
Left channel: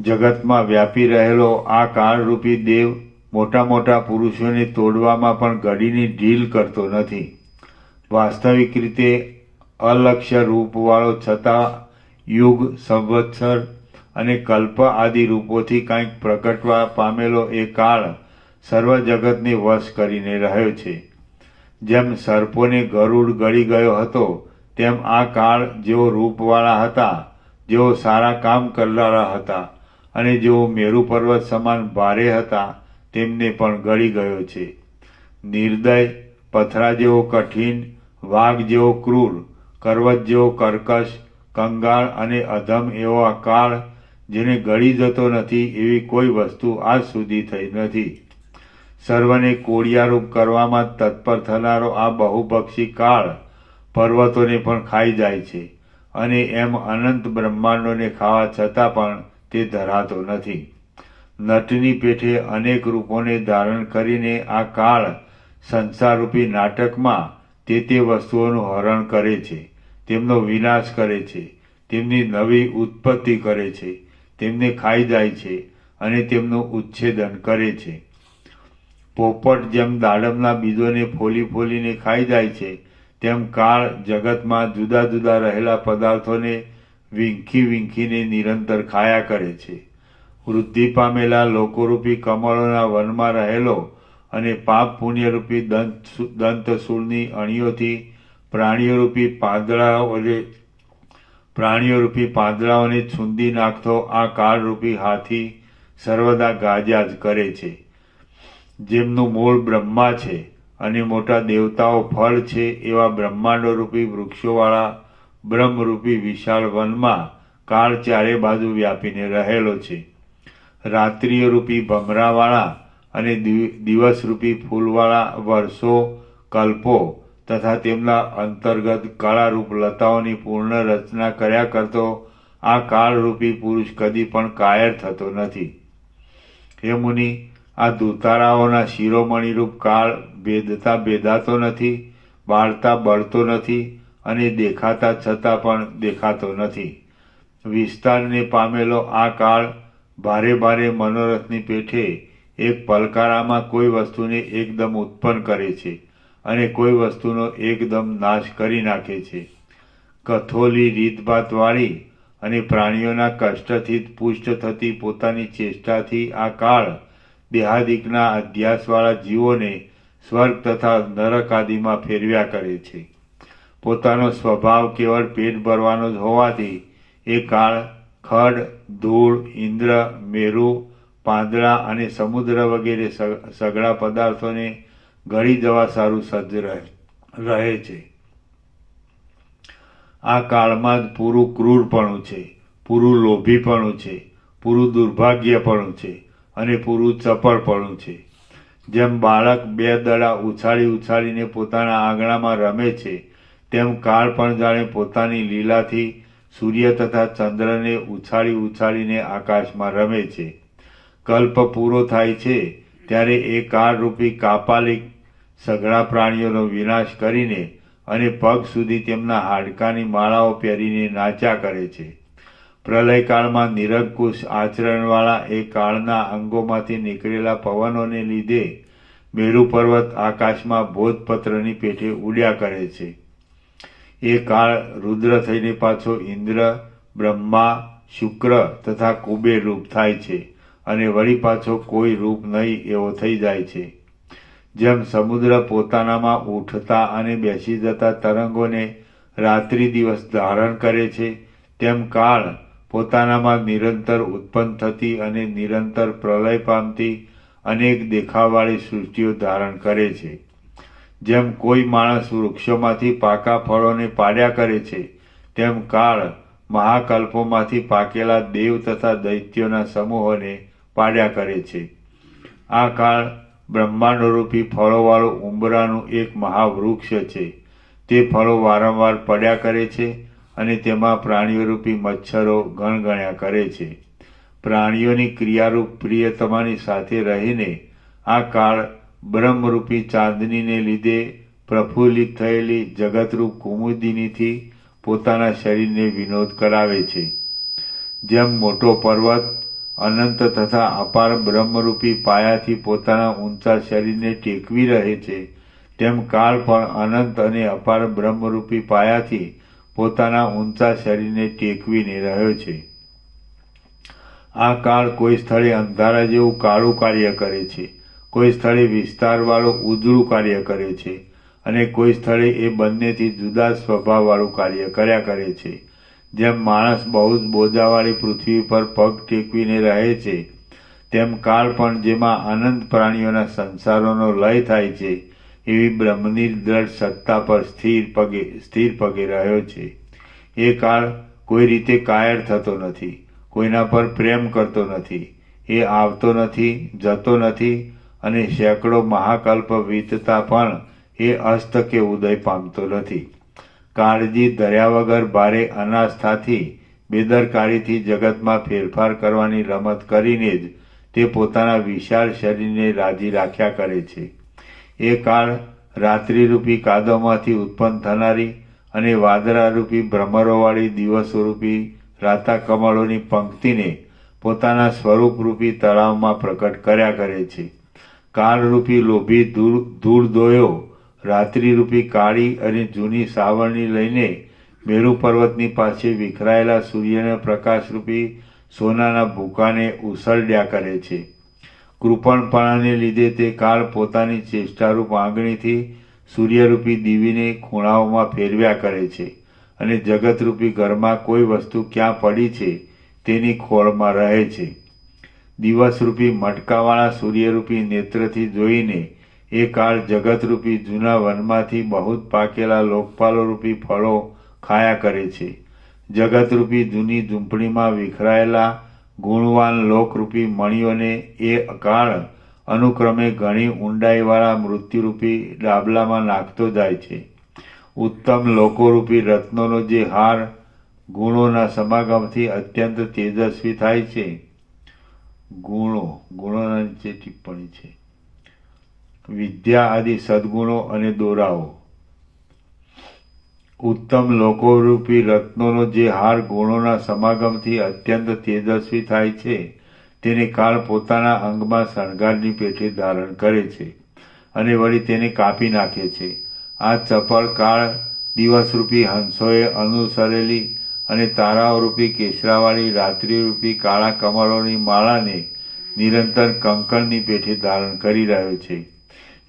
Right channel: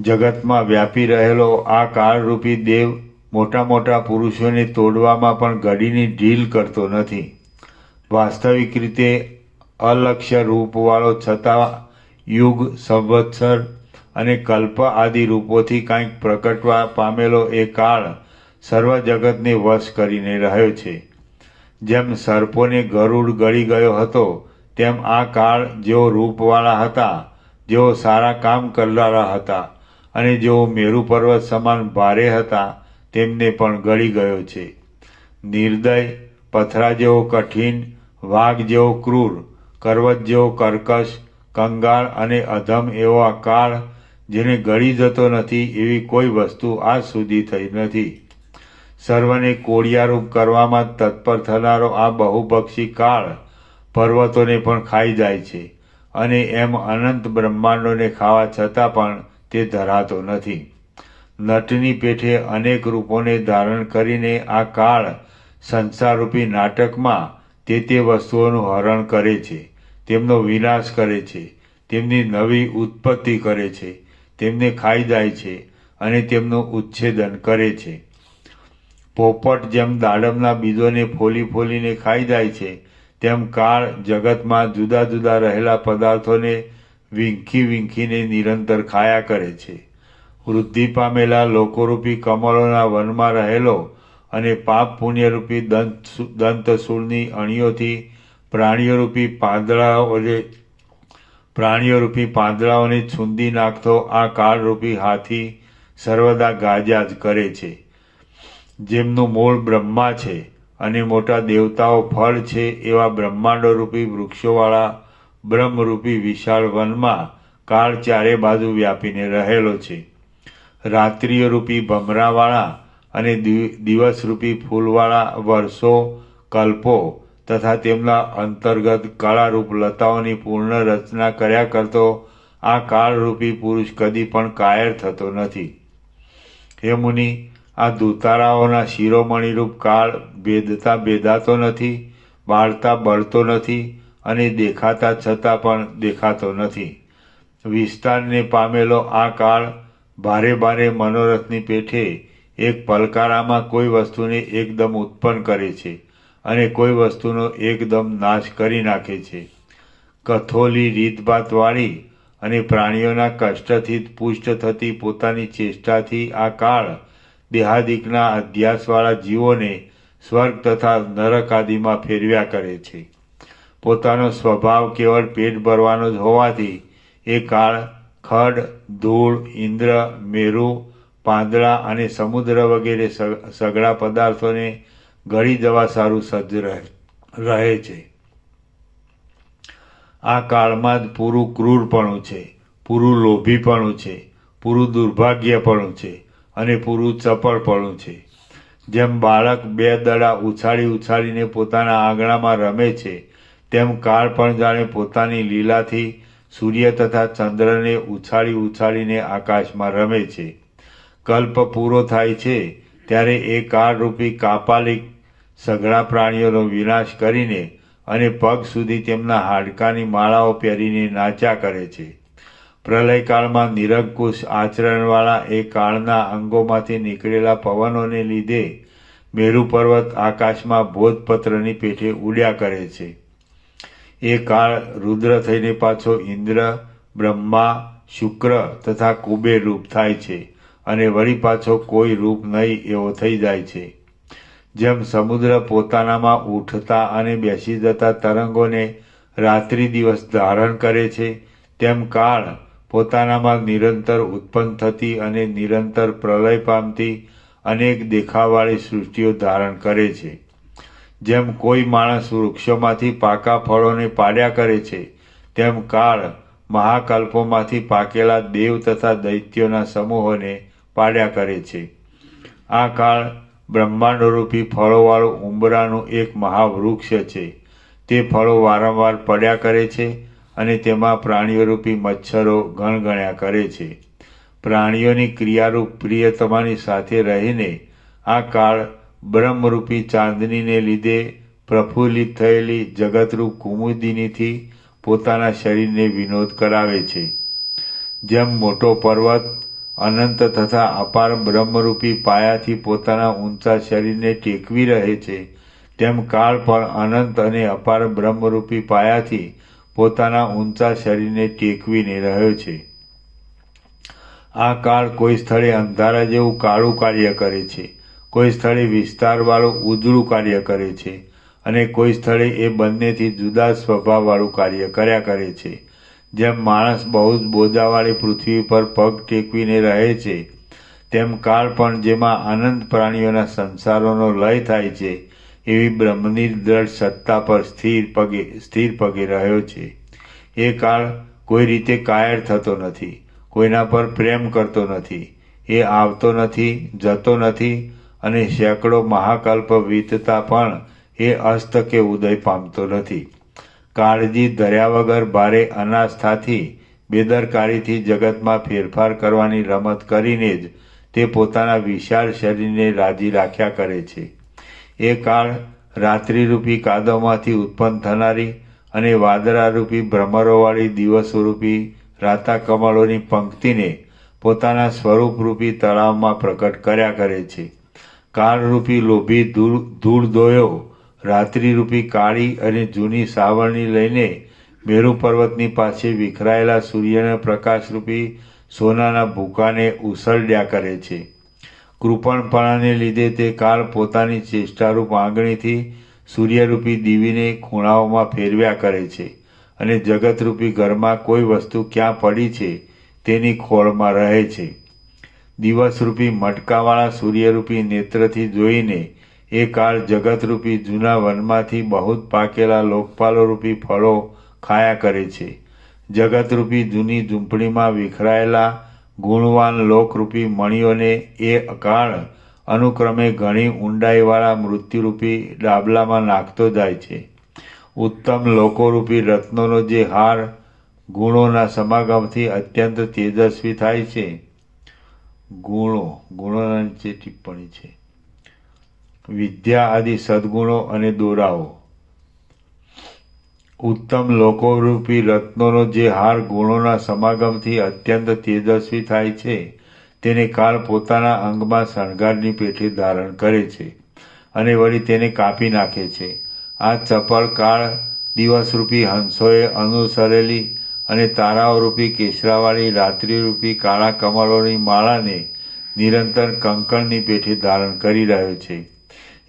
જગતમાં વ્યાપી રહેલો આ કાળરૂપી દેવ મોટા પુરુષોને તોડવામાં પણ ઘડીની ઢીલ કરતો નથી. વાસ્તવિક રીતે અલક્ષ્ય રૂપવાળો છતાં યુગ, સંવત્સર અને કલ્પ આદિ રૂપોથી કાંઈક પ્રગટવા પામેલો એ કાળ સર્વ જગતને વશ કરીને રહ્યો છે. જેમ સર્પોને ગરુડ ગળી ગયો હતો, તેમ આ કાળ જેઓ રૂપવાળા હતા, જેઓ સારા કામ કરનારા હતા અને જેઓ મેરુ પર્વત સમાન ભારે હતા, તેમને પણ ગળી ગયો છે. નિર્દય, પથરા જેવો કઠિન, વાઘ જેવો ક્રૂર, કરવત જેવો કર્કશ, કંગાળ અને અધમ એવો આ કાળ જેને ગળી જતો નથી એવી કોઈ વસ્તુ આજ સુધી થઈ નથી. સર્વને કોળિયારૂપ કરવામાં તત્પર થનારો આ બહુપક્ષી કાળ પર્વતોને પણ ખાઈ જાય છે અને એમ અનંત બ્રહ્માંડોને ખાવા છતાં પણ તે ધરાતો નથી. નટની પેઠે અનેક રૂપોને ધારણ કરીને આ કાળ સંસારરૂપી નાટકમાં તે વસ્તુઓનું હરણ કરે છે, તેમનો વિનાશ કરે છે, તેમની નવી ઉત્પત્તિ કરે છે, તેમને ખાઈ જાય છે અને તેમનું ઉચ્છેદન કરે છે. પોપટ જેમ દાડમના બીજોને ફોલીને ખાઈ જાય છે, તેમ કાળ જગતમાં જુદા જુદા રહેલા પદાર્થોને વીંખીને નિરંતર ખાયા કરે છે. વૃદ્ધિ પામેલા લોકોરૂપી કમળોના વનમાં રહેલો અને પાપ પુણ્યરૂપી દંતશૂળની અણીઓથી પ્રાણીઓરૂપી પાંદડાઓને પ્રાણીઓરૂપી પાંદડાઓને છૂંદી નાખતો આ કાળરૂપી હાથી સર્વદા ગાજ્યા જ કરે છે. જેમનું મૂળ બ્રહ્મા છે અને મોટા દેવતાઓ ફળ છે એવા બ્રહ્માંડોરૂપી વૃક્ષોવાળા બ્રહ્મરૂપી વિશાળ વનમાં કાળ ચારે બાજુ વ્યાપીને રહેલો છે. રાત્રિઓરૂપી ભમરાવાળા અને દિવસરૂપી ફૂલવાળા વર્ષો, કલ્પો તથા તેમના અંતર્ગત કળારૂપ લતાઓની પૂર્ણ રચના કર્યા કરતો આ કાળરૂપી પુરુષ કદી પણ કાયર થતો નથી. હે મુનિ, આ દુતારાઓના શિરોમણીરૂપ કાળ ભેદાતો નથી, બાળતા બળતો નથી અને દેખાતા છતાં પણ દેખાતો નથી. વિસ્તારને પામેલો આ કાળ ભારે ભારે મનોરથની પેઠે એક પલકારામાં કોઈ વસ્તુને એકદમ ઉત્પન્ન કરે છે અને કોઈ વસ્તુનો એકદમ નાશ કરી નાખે છે. કથોલી રીતભાતવાળી અને પ્રાણીઓના કષ્ટથી પુષ્ટ થતી પોતાની ચેષ્ટાથી આ કાળ દેહાદિકના અધ્યાસવાળા જીવોને સ્વર્ગ તથા નરક આદિમાં ફેરવ્યા કરે છે. પોતાનો સ્વભાવ કેવળ પેટ ભરવાનો જ હોવાથી એ કાળ ખડ, ધૂળ, ઇન્દ્ર, મેરુ, પાંદડા અને સમુદ્ર વગેરે સઘળા પદાર્થોને ગળી જવા સારું સજ્જ રહે છે. આ કાળમાં જ પૂરું ક્રૂરપણું છે, પૂરું લોભીપણું છે, પૂરું દુર્ભાગ્યપણું છે અને પૂરું ચપળપણું છે. જેમ બાળક 2 દડા ઉછાળીને પોતાના આંગણામાં રમે છે, તેમ કાળ પણ જાણે પોતાની લીલાથી સૂર્ય તથા ચંદ્રને ઉછાળીને આકાશમાં રમે છે. કલ્પ પૂરો થાય છે ત્યારે એ કાળરૂપી કાપાલિક સઘળા પ્રાણીઓનો વિનાશ કરીને અને પગ સુધી તેમના હાડકાની માળાઓ પહેરીને નાચ્યા કરે છે. પ્રલયકાળમાં નિરંકુશ આચરણવાળા એ કાળના અંગોમાંથી નીકળેલા પવનોને લીધે મેરુ પર્વત આકાશમાં ભોજપત્રની પેઠે ઉડ્યા કરે છે. એ કાળ રુદ્ર થઈને પાછો ઇન્દ્ર, બ્રહ્મા, શુક્ર તથા કુબેર રૂપ થાય છે અને વળી પાછો કોઈ રૂપ નહીં એવો થઈ જાય છે. જેમ સમુદ્ર પોતાનામાં ઉઠતા અને બેસી જતા તરંગોને રાત્રિ દિવસ ધારણ કરે છે, તેમ કાળ પોતાનામાં નિરંતર ઉત્પન્ન થતી અને નિરંતર પ્રલય પામતી અનેક દેખાવવાળી સૃષ્ટિઓ ધારણ કરે છે. જેમ કોઈ માણસ વૃક્ષોમાંથી પાકા ફળોને પાડ્યા કરે છે, તેમ કાળ મહાકલ્પોમાંથી પાકેલા દેવ તથા દૈત્યોના સમૂહોને પાડ્યા કરે છે. આ કાળ બ્રહ્માંડરૂપી ફળોવાળું ઉંબરાનું એક મહાવૃક્ષ છે. તે ફળો વારંવાર પડ્યા કરે છે અને તેમાં પ્રાણીઓરૂપી મચ્છરો ગણગણ્યા કરે છે. પ્રાણીઓની ક્રિયારૂપ પ્રિયતમાની સાથે રહીને આ કાળ બ્રહ્મરૂપી ચાંદનીને લીધે પ્રફુલ્લિત થયેલી જગતરૂપ કુમુદિનીથી પોતાના શરીરને વિનોદ કરાવે છે. જેમ મોટો પર્વત અનંત તથા અપાર બ્રહ્મરૂપી પાયાથી પોતાના ઊંચા શરીરને ટેકવી રહે છે, તેમ કાળ પણ અનંત અને અપાર બ્રહ્મરૂપી પાયાથી પોતાના ઊંચા શરીરને ટેકવીને રહ્યો છે. આ કાળ કોઈ સ્થળે અંધારા જેવું કાળું કાર્ય કરે છે, કોઈ સ્થળે વિસ્તારવાળું ઉજળું કાર્ય કરે છે અને કોઈ સ્થળે એ બંનેથી જુદા સ્વભાવવાળું કાર્ય કર્યા કરે છે. જેમ માણસ બહુ જ બોજાવાળી પૃથ્વી પર પગ ટેકવીને રહે છે, તેમ કાળ પણ જેમાં અનંત પ્રાણીઓના સંસારોનો લય થાય છે એવી બ્રહ્મની દ્રઢ સત્તા પર સ્થિર પગે રહ્યો છે. એ કાળ કોઈ રીતે કાયર થતો નથી, કોઈના પર પ્રેમ કરતો નથી, એ આવતો નથી, જતો નથી અને સેંકડો મહાકલ્પ વીતતા પણ એ અસ્ત કે ઉદય પામતો નથી. કાળજી ધર્યા વગર ભારે અનાસ્થાથી બેદરકારીથી જગતમાં ફેરફાર કરવાની રમત કરીને જ તે પોતાના વિશાળ શરીરને રાજી રાખ્યા કરે છે. એ કાળ રાત્રિરૂપી કાદવમાંથી ઉત્પન્ન થનારી અને વાદળારૂપી ભ્રમરોવાળી દિવસરૂપી રાતા કમળોની પંક્તિને પોતાના સ્વરૂપરૂપી તળાવમાં પ્રકટ કર્યા કરે છે. કાળરૂપી લોભી ધૂળ દોયો રાત્રિરૂપી કાળી અને જૂની સાવરણી લઈને મેરુ પર્વતની પાસે વિખરાયેલા સૂર્યના પ્રકાશરૂપી સોનાના ભૂકાને ઉસરડ્યા કરે છે. કૃપણપણાને લીધે તે કાળ પોતાની ચેષ્ટારૂપ આંગળીથી સૂર્યરૂપી દીવીને ખૂણાઓમાં ફેરવ્યા કરે છે અને જગતરૂપી ઘરમાં કોઈ વસ્તુ ક્યાં પડી છે તેની ખોળમાં રહે છે. દિવસરૂપી મટકાવાળા સૂર્યરૂપી નેત્રથી જોઈને એ કાળ જગતરૂપી જૂના વનમાંથી બહુ પાકેલા લોકપાલોરૂપી ફળો ખાયા કરે છે. જગતરૂપી જૂની ઝૂંપડીમાં વિખરાયેલા ગુણવાન લોકરૂપી મણીઓને એ કાળ અનુક્રમે ઘણી ઊંડાઈવાળા મૃત્યુરૂપી ડાબલામાં નાખતો જાય છે. ઉત્તમ લોકોરૂપી રત્નોનો જે હાર ગુણોના સમાગમથી અત્યંત તેજસ્વી થાય છે. ગુણોના નીચે ટિપ્પણી છે. વિદ્યા આદિ સદગુણો અને દોરાઓ. ઉત્તમ લોકોરૂપી રત્નોનો જે હાર ગુણોના સમાગમથી અત્યંત તેજસ્વી થાય છે તેને કાળ પોતાના અંગમાં શણગારની પેઠે ધારણ કરે છે અને વળી તેને કાપી નાખે છે. આ ચપળ કાળ દિવસરૂપી હંસોએ અનુસરેલી અને તારાઓરૂપી કેસરાવાળી રાત્રિરૂપી કાળા કમળોની માળાને નિરંતર કંકણની પેઠે ધારણ કરી રહ્યો છે.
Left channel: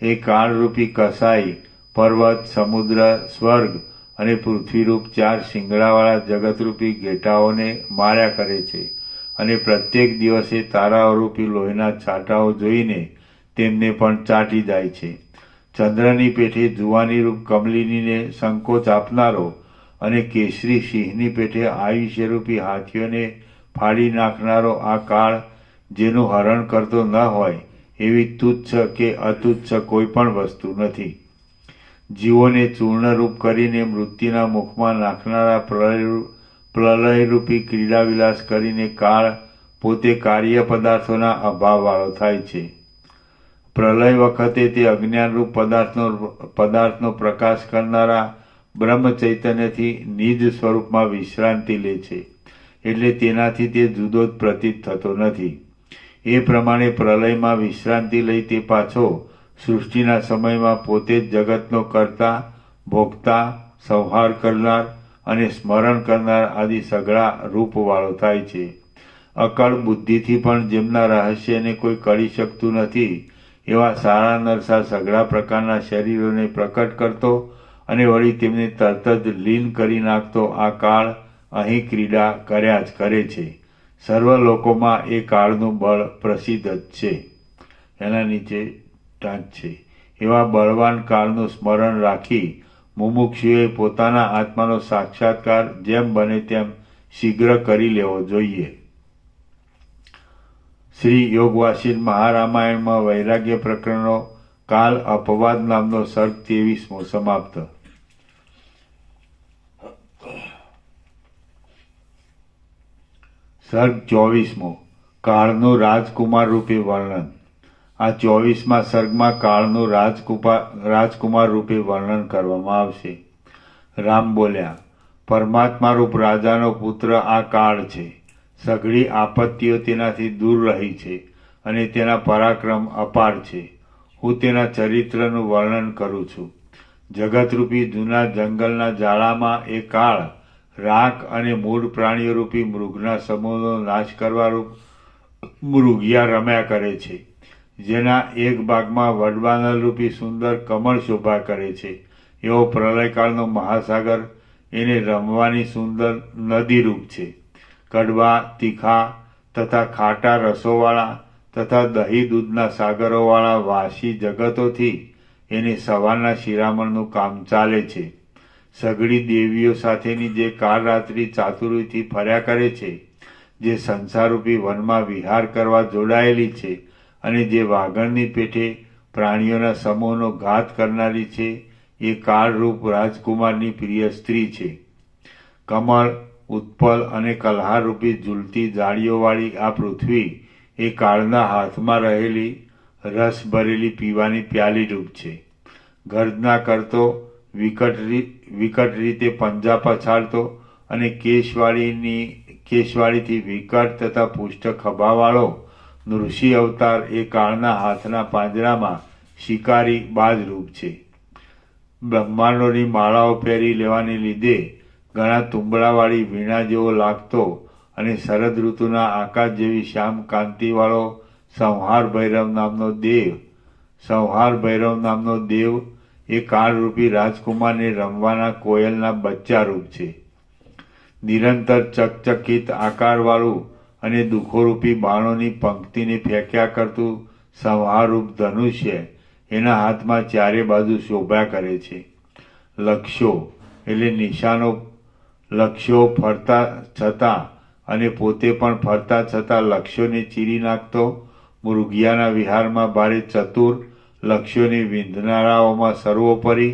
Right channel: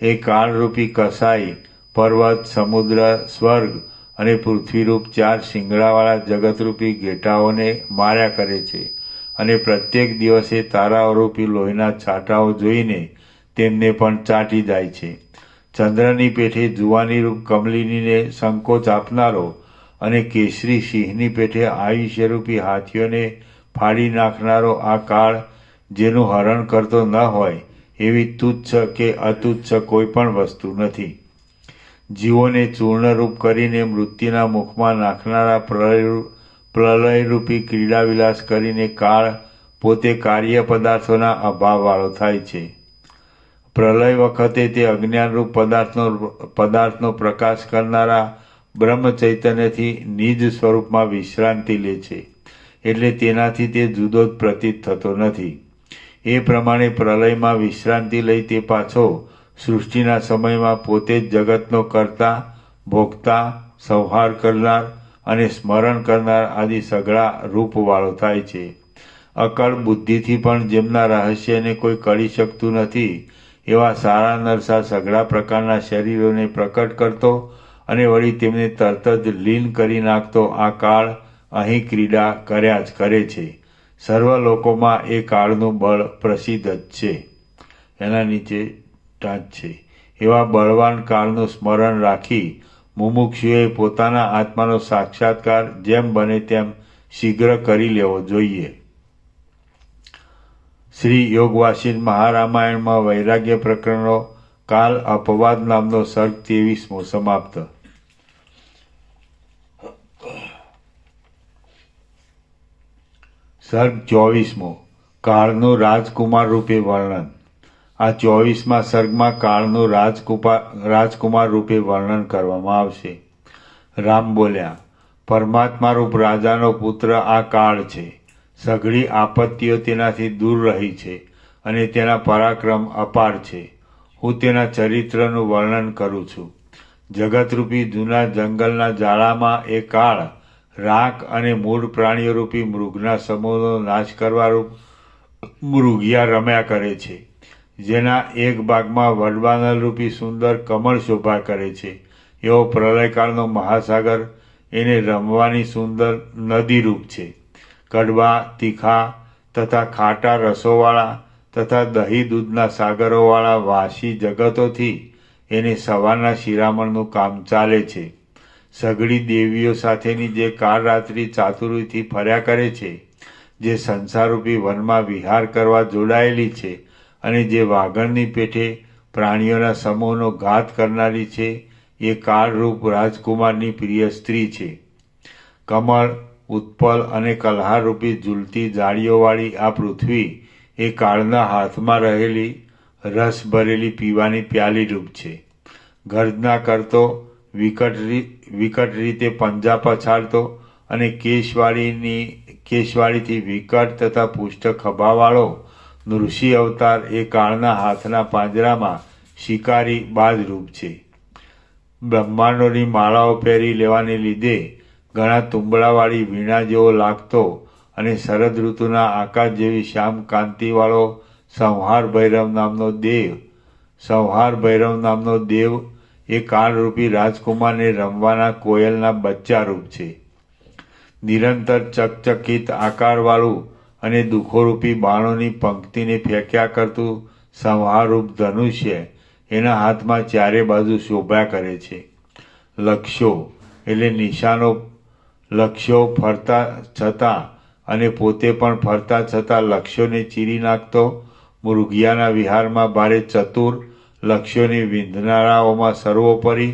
એ કાળરૂપી કસાઈ પર્વત, સમુદ્ર, સ્વર્ગ અને પૃથ્વીરૂપ 4 શિંગડાવાળા જગતરૂપી ઘેટાઓને માર્યા કરે છે અને પ્રત્યેક દિવસે તારાઓરૂપી લોહીના છાંટાઓ જોઈને તેમને પણ ચાટી જાય છે. ચંદ્રની પેઠે જુવાનીરૂપ કમલિનીને સંકોચ આપનારો અને કેસરી સિંહની પેઠે આયુષ્યરૂપી હાથીઓને ફાડી નાખનારો આ કાળ જેનું હરણ કરતો ન હોય એવી તુચ્છ કે અતુચ્છ કોઈ પણ વસ્તુ નથી. જીવોને ચૂર્ણરૂપ કરીને મૃત્યુના મુખમાં નાખનારા પ્રલયરૂપી ક્રીડાવિલાસ કરીને કાળ પોતે કાર્ય પદાર્થોના અભાવવાળો થાય છે. પ્રલય વખતે તે અજ્ઞાનરૂપ પદાર્થનો પ્રકાશ કરનારા બ્રહ્મ ચૈતન્યથી નિજ સ્વરૂપમાં વિશ્રાંતિ લે છે, એટલે તેનાથી તે જુદો જ પ્રતીત થતો નથી. એ પ્રમાણે પ્રલયમાં વિશ્રાંતિ લઈ તે પાછો સૃષ્ટિના સમયમાં પોતે જ જગતનો કર્તા, ભોગતા, સંહાર કરનાર અને સ્મરણ કરનાર આદિ સઘળા રૂપવાળો થાય છે. અકળ બુદ્ધિથી પણ જેમના રહસ્યને કોઈ કરી શકતું નથી એવા સારા નરસા સઘળા પ્રકારના શરીરોને પ્રકટ કરતો અને વળી તેમને તરત જ લીન કરી નાખતો આ કાળ અહીં ક્રીડા કર્યા જ કરે છે. સર્વ લોકોમાં એ કાળનું બળ પ્રસિદ્ધ જ છે. એના નીચે ટાંચ છે. એવા બળવાન કાળનું સ્મરણ રાખી મુમુક્ષુએ પોતાના આત્માનો સાક્ષાત્કાર જેમ બને તેમ શીઘ્ર કરી લેવો જોઈએ. શ્રી યોગવાસિન મહારામાયણમાં વૈરાગ્ય પ્રકરણનો કાલ અપવાદ નામનો સર્ગ 23મો સમાપ્ત. સર્ગ 24મો કાળનું રાજકુમાર રૂપે વર્ણન. આ 24મા સર્ગમાં કાળનું રાજકુમાર રૂપે વર્ણન કરવામાં આવશે. રામ બોલ્યા, પરમાત્મા રૂપ રાજાનો પુત્ર આ કાળ છે. સઘળી આપત્તિઓ તેનાથી દૂર રહી છે અને તેના પરાક્રમ અપાર છે. હું તેના ચરિત્રનું વર્ણન કરું છું. જગતરૂપી જૂના જંગલના જાળામાં એ કાળ રાખ અને મૂળ પ્રાણીઓરૂપી મૃગના સમૂહનો નાશ કરવારૂપ મૃગિયા રમ્યા કરે છે. જેના એક ભાગમાં વડવાનલરૂપી સુંદર કમળ શોભા કરે છે એવો પ્રલયકાળનો મહાસાગર એને રમવાની સુંદર નદીરૂપ છે. કડવા, તીખા તથા ખાટા રસોવાળા તથા દહીં દૂધના સાગરોવાળા વાસી જગતોથી એને સવારના શિરામણનું કામ ચાલે છે. સઘળી દેવીઓ સાથેની જે કાળરાત્રિ ચાતુરીથી ફર્યા કરે છે, જે સંસારરૂપી વનમાં વિહાર કરવા જોડાયેલી છે અને જે વાઘણની પેઠે પ્રાણીઓના સમૂહનો ઘાત કરનારી છે, એ કાળરૂપ રાજકુમારની પ્રિય સ્ત્રી છે. કમળ, ઉત્પલ અને કલ્હારરૂપી ઝૂલતી જાળીઓવાળી આ પૃથ્વી એ કાળના હાથમાં રહેલી રસ ભરેલી પીવાની પ્યાલી રૂપ છે. ગર્જના કરતો, વિકટ રીતે પંજા પછાડતો અને કેશવાળીથી વિકટ તથા પુષ્ટ ખભાવાળો નૃષિ અવતાર એ કાળના હાથના પાંજરામાં શિકારી બાજરૂપ છે. બ્રહ્માંડોની માળાઓ પહેરી લેવાને લીધે ઘણા તુંબળાવાળી વીણા જેવો લાગતો અને શરદ ઋતુના આકાશ જેવી શ્યામ કાંતિવાળો સંહાર ભૈરવ નામનો દેવ એ કાળરૂપી રાજકુમારને રમવાના કોયલના બચ્ચા રૂપ છે. નિરંતર ચકચકિત આકારવાળું અને દુઃખોરૂપી બાણોની પંક્તિને ફેંક્યા કરતું સંહારરૂપ ધનુષ્ય એના હાથમાં ચારે બાજુ શોભ્યા કરે છે. લક્ષ્યો એટલે નિશાનો, લક્ષ્યો ફરતા છતાં અને પોતે પણ ફરતા છતાં લક્ષ્યોને ચીરી નાખતો, મૃગિયાના વિહારમાં ભારે ચતુર, લક્ષ્યોની વિંધનારાઓમાં સર્વોપરી,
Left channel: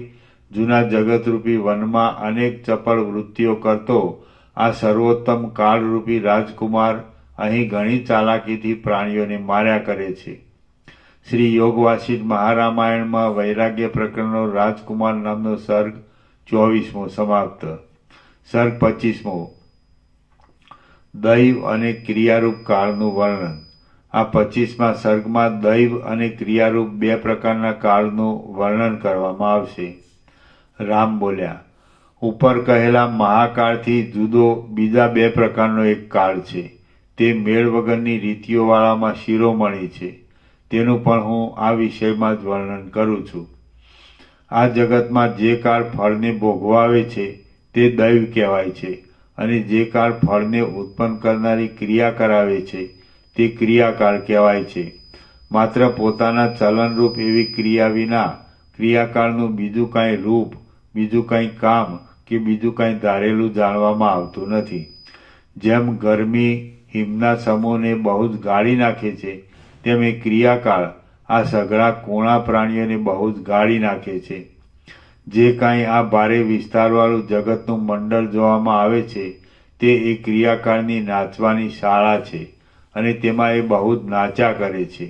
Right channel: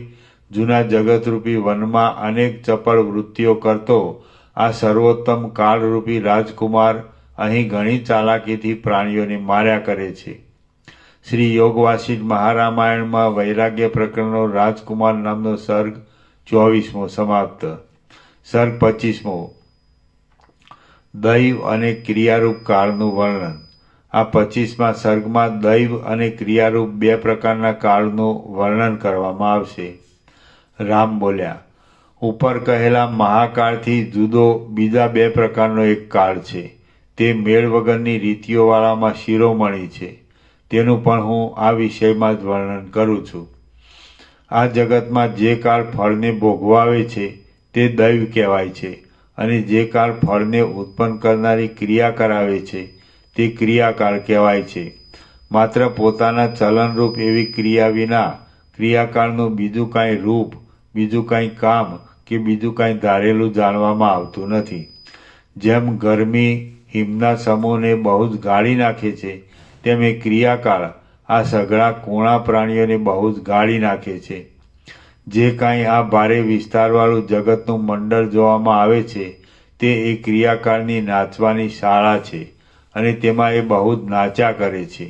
જૂના જગતરૂપી વનમાં અનેક ચપળ વૃત્તિઓ કરતો આ સર્વોત્તમ કાળરૂપી રાજકુમાર અહીં ઘણી ચાલાકીથી પ્રાણીઓને માર્યા કરે છે. શ્રી યોગવાસિષ્ઠ મહારામાયણમાં વૈરાગ્ય પ્રકરણનો રાજકુમાર નામનો સર્ગ 24મો સમાપ્ત. સર્ગ 25મો દૈવ અને ક્રિયારૂપ કાળનું વર્ણન. આ 25મા સર્ગમાં દૈવ અને ક્રિયારૂપ બે પ્રકારના કાળનું વર્ણન કરવામાં આવશે. રામ બોલ્યા, ઉપર કહેલા મહાકાળથી જુદો બીજા બે પ્રકારનો એક કાળ છે. તે મેળ વગરની રીતિઓવાળામાં શિરોમણી છે. તેનું પણ હું આ વિષયમાં જ વર્ણન કરું છું. આ જગતમાં જે કાળ ફળને ભોગવાવે છે તે દૈવ કહેવાય છે, અને જે કાળ ફળને ઉત્પન્ન કરનારી ક્રિયા કરાવે છે તે ક્રિયાકાળ કહેવાય છે. માત્ર પોતાના ચલનરૂપ એવી ક્રિયા વિના ક્રિયાકાળનું બીજું કાંઈ રૂપ, બીજું કાંઈ કામ કે બીજું કાંઈ ધારેલું જાણવામાં આવતું નથી. જેમ ગરમી હિમના સમૂહને બહુ જ ગાળી નાખે છે, તેમ એ ક્રિયાકાળ આ સઘળા કુણા પ્રાણીઓને બહુ જ ગાળી નાખે છે. જે કાંઈ આ ભારે વિસ્તારવાળું જગતનું મંડળ જોવામાં આવે છે તે એ ક્રિયાકાળની નાચવાની શાળા છે, અને તેમાં એ બહુ જ નાચ્યા કરે છે.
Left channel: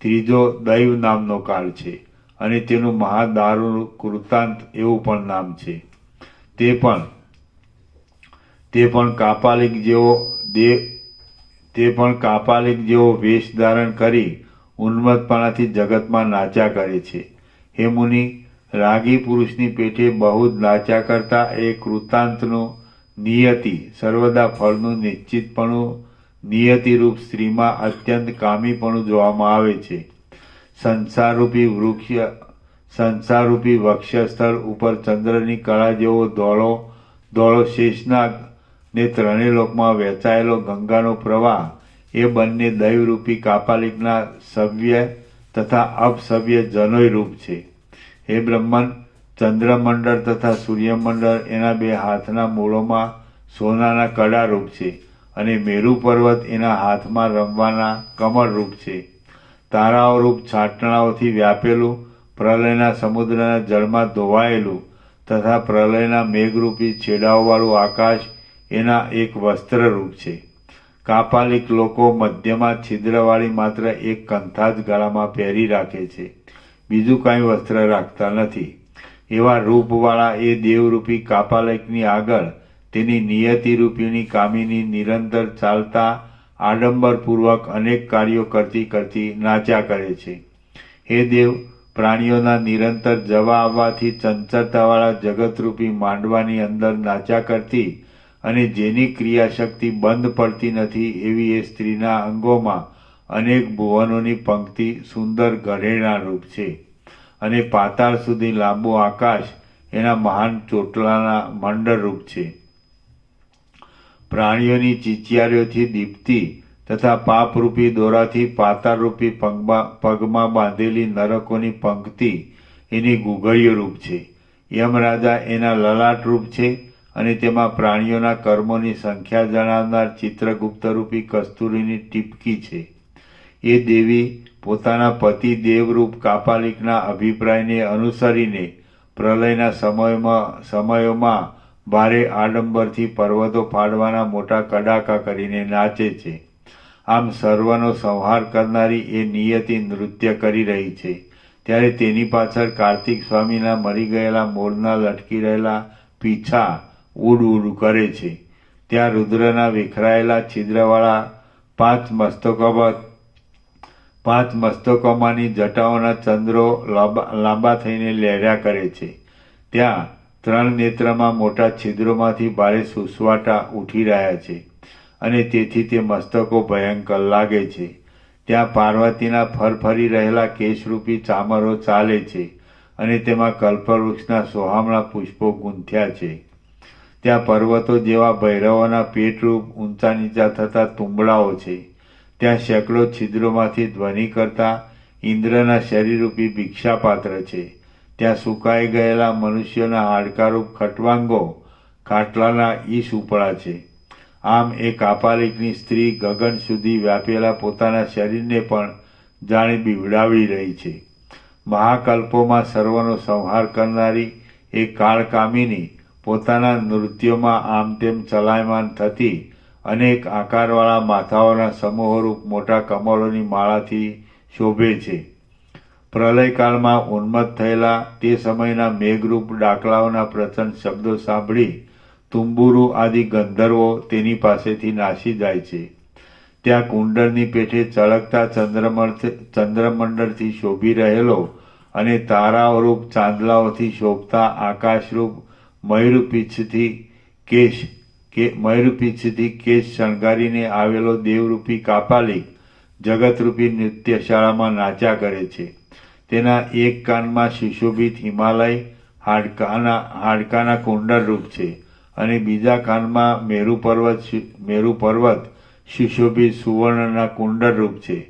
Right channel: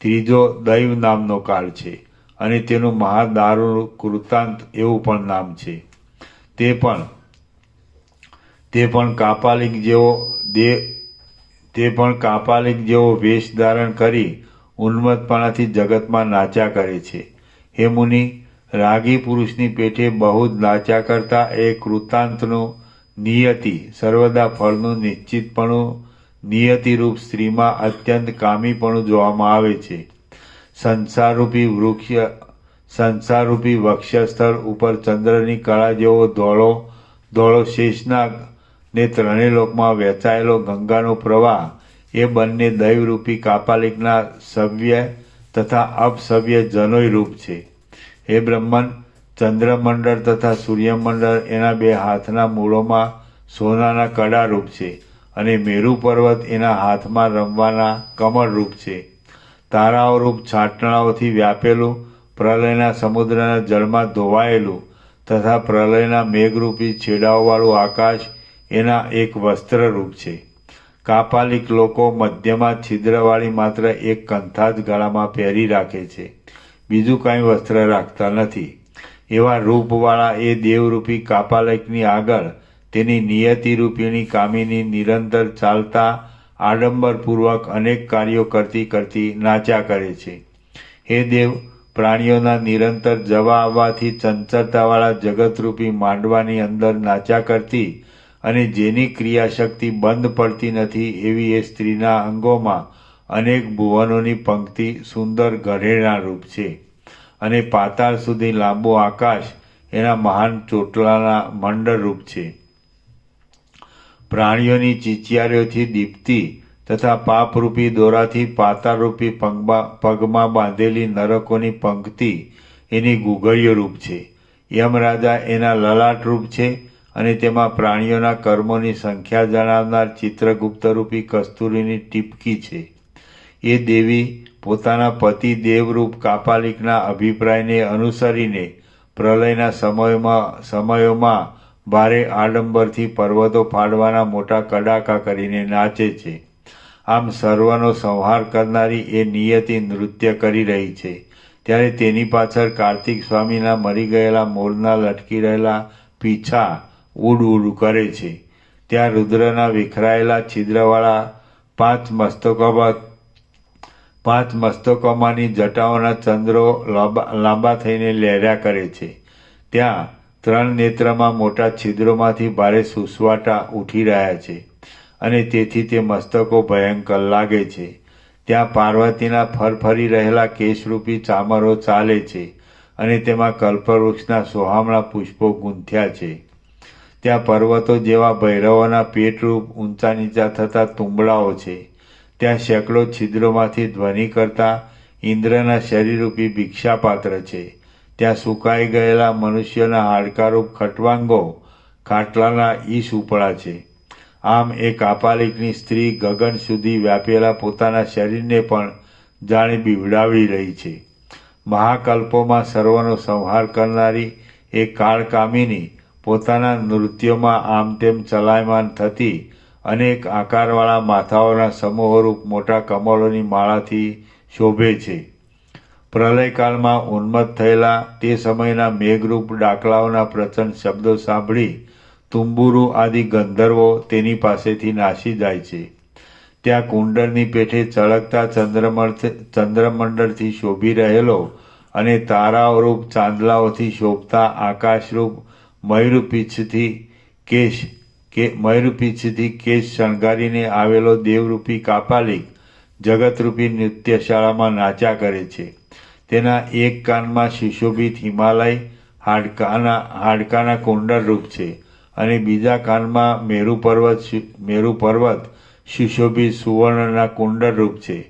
ત્રીજો દૈવ નામનો કાળ છે, અને તેનું મહાદારૂણ કૃતાંત એવું પણ નામ છે. તે પણ કાપાલિક જેવો વેશ ધારણ કરી ઉન્મત્તપણાથી જગતમાં નાચ્યા કરે છે. હે મુનિ, રાગી પુરુષની પેઠે બહુ જ નાચ્યા કરતા એ કૃતાંતનું નિયતિ, સર્વદા ફળનું નિશ્ચિતપણું, નિયતિરૂપ સ્ત્રીમાં અત્યંત કામીપણું જોવામાં આવે છે. સંસારરૂપી વક્ષસ્થળ ઉપર ચંદ્રની કળા જેવો ધોળો શેષનાગ ને ત્રણેય લોકમાં વહેંચાયેલો ગંગાનો પ્રવાહ એ બંને દૈવરૂપી કાપાલિકના સવ્ય તથા અપસવ્ય જનોય રૂપ છે. હે બ્રહ્મન, ચંદ્રમંડળ તથા સૂર્યમંડળ એના બે હાથના મૂળોમાં સોનાના કડા રૂપ છે, અને મેરુ પર્વત એના હાથમાં રમવાના કમળ રૂપ છે. તારાઓ રૂપ છાટણાઓથી વ્યાપેલું, પ્રલયના સમુદ્રના જળમાં ધોવાયેલું તથા પ્રલયના મેઘરૂપી છેડાઓવાળું આકાશ એના એક વસ્ત્ર રૂપ છે. કાપાલિક લોકો મધ્યમાં છિદ્રવાળી માત્ર એક કંથા જ ગળામાં પહેરી રાખે છે, બીજું કાંઈ વસ્ત્ર રાખતા નથી. એવા રૂપવાળા એ દેવરૂપી કાપાલિકની આગળ તેની નિયતિરૂપીની કામિની નિરંતર ચાલતા આડંબરપૂર્વક અનેક કાર્યો કરતી કરતી નાચ્યા કરે છે. હે દેવ, પ્રાણીઓના નિરંતર જવા આવવાથી ચંચળતાવાળા જગતરૂપી માંડવાની અંદર નાચ્યા કરતી અને જેની ક્રિયાશક્તિ બંધ પડતી નથી એવી એ સ્ત્રીના અંગોમાં અનેક ભુવનોની પંક્તિ સુંદર ઘરેણાં રૂપ છે, અને પાતાળ સુધી લાંબો આકાશ એના મહાન ચોટલાના મંડળ રૂપ છે. પ્રાણીઓની ચીચિયારીઓથી દીપતી તથા પાપરૂપી દોરાથી પાતાળરૂપી પગમાં બાંધેલી નરકોની પંક્તિ એની ગુગળીઓ રૂપ છે. યમરાજા એના લલાટ રૂપ છે, અને તેમાં પ્રાણીઓના કર્મોની સંખ્યા જણાવનાર ચિત્રગુપ્તરૂપી કસ્તુરીની ટીપકી છે. એ દેવી પોતાના પતિ દેવરૂપ કાપાલિકના અભિપ્રાયને અનુસરીને પ્રલયના સમયોમાં ભારે આડંબરથી પર્વતો ફાડવાના મોટા કડાકા કરીને નાચે છે. આમ સર્વનો સંહાર કરનારી એ નિયતિ નૃત્ય કરી રહી છે, ત્યારે તેની પાછળ કાર્તિક સ્વામીના મરી ગયેલા મોરના લટકી રહેલા પીછા ઉડ ઉડ કરે છે. ત્યાં રુદ્રના વિખરાયેલા છિદ્રવાળા પાંચ મસ્તકોમાંની જટાઓના ચંદ્રો લાંબા થઈને લહેર્યા કરે છે. ત્યાં ત્રણ નેત્રમાં મોટા છિદ્રોમાંથી ભારે સુસવાટા ઉઠી રહ્યા છે, અને તેથી તે મસ્તકો ભયંકર લાગે છે. ત્યાં પાર્વતીના ફરફરી રહેલા કેશરૂપી ચામરો ચાલે છે, અને તેમાં કલ્પવૃક્ષના સોહામણા પુષ્પો ગૂંથ્યા છે. ત્યાં પર્વતો જેવા ભૈરવોના પેટરૂપ ઊંચા નીચા થતા તુંબડાઓ છે. ત્યાં સેંકડો છિદ્રોમાંથી ધ્વનિ કરતા ઇન્દ્રના શરીરરૂપી ભિક્ષાપાત્ર છે. ત્યાં સુકાઈ ગયેલા મનુષ્યોના હાડકારૂપ ખટવાંગો ખાટલાના ઈશ ઉપડા છે. આમ એ કાપાલિકની સ્ત્રી ગગન સુધી વ્યાપેલા પોતાના શરીરને પણ જાણે બીવડાવી રહી છે. મહાકલ્પોમાં સર્વનો સંહાર કરનારી એ કાળકામિની પોતાના નૃત્યોમાં આમ તેમ ચલાયમાન થતી અનેક આકારવાળા માથાઓના સમૂહરૂપ મોટા કમળોની માળાથી શોભે છે. પ્રલયકાળમાં ઉન્મત્ત થયેલા તે સમયના મેઘરૂપ ડાકલાઓના પ્રચંડ શબ્દો સાંભળી તુંબુરુ આદિ ગંધર્વો તેની પાસેથી નાસી જાય છે. ત્યાં કુંડળની પેઠે ચળકતા ચંદ્રમંડળથી શોભી રહેલો અને તારાઓરૂપ ચાંદલાઓથી શોભતા આકાશરૂપ મયુરપીંછથી કેશ શણગારીને આવેલો દેવરૂપી કાપાલિક જગતરૂપી નૃત્યશાળામાં નાચ્યા કરે છે. તેના એક કાનમાં સુશોભિત હિમાલય હાડકાના કુંડળરૂપ છે અને બીજા કાનમાં મેરુ પર્વત સુશોભિત સુવર્ણના કુંડળરૂપ છે.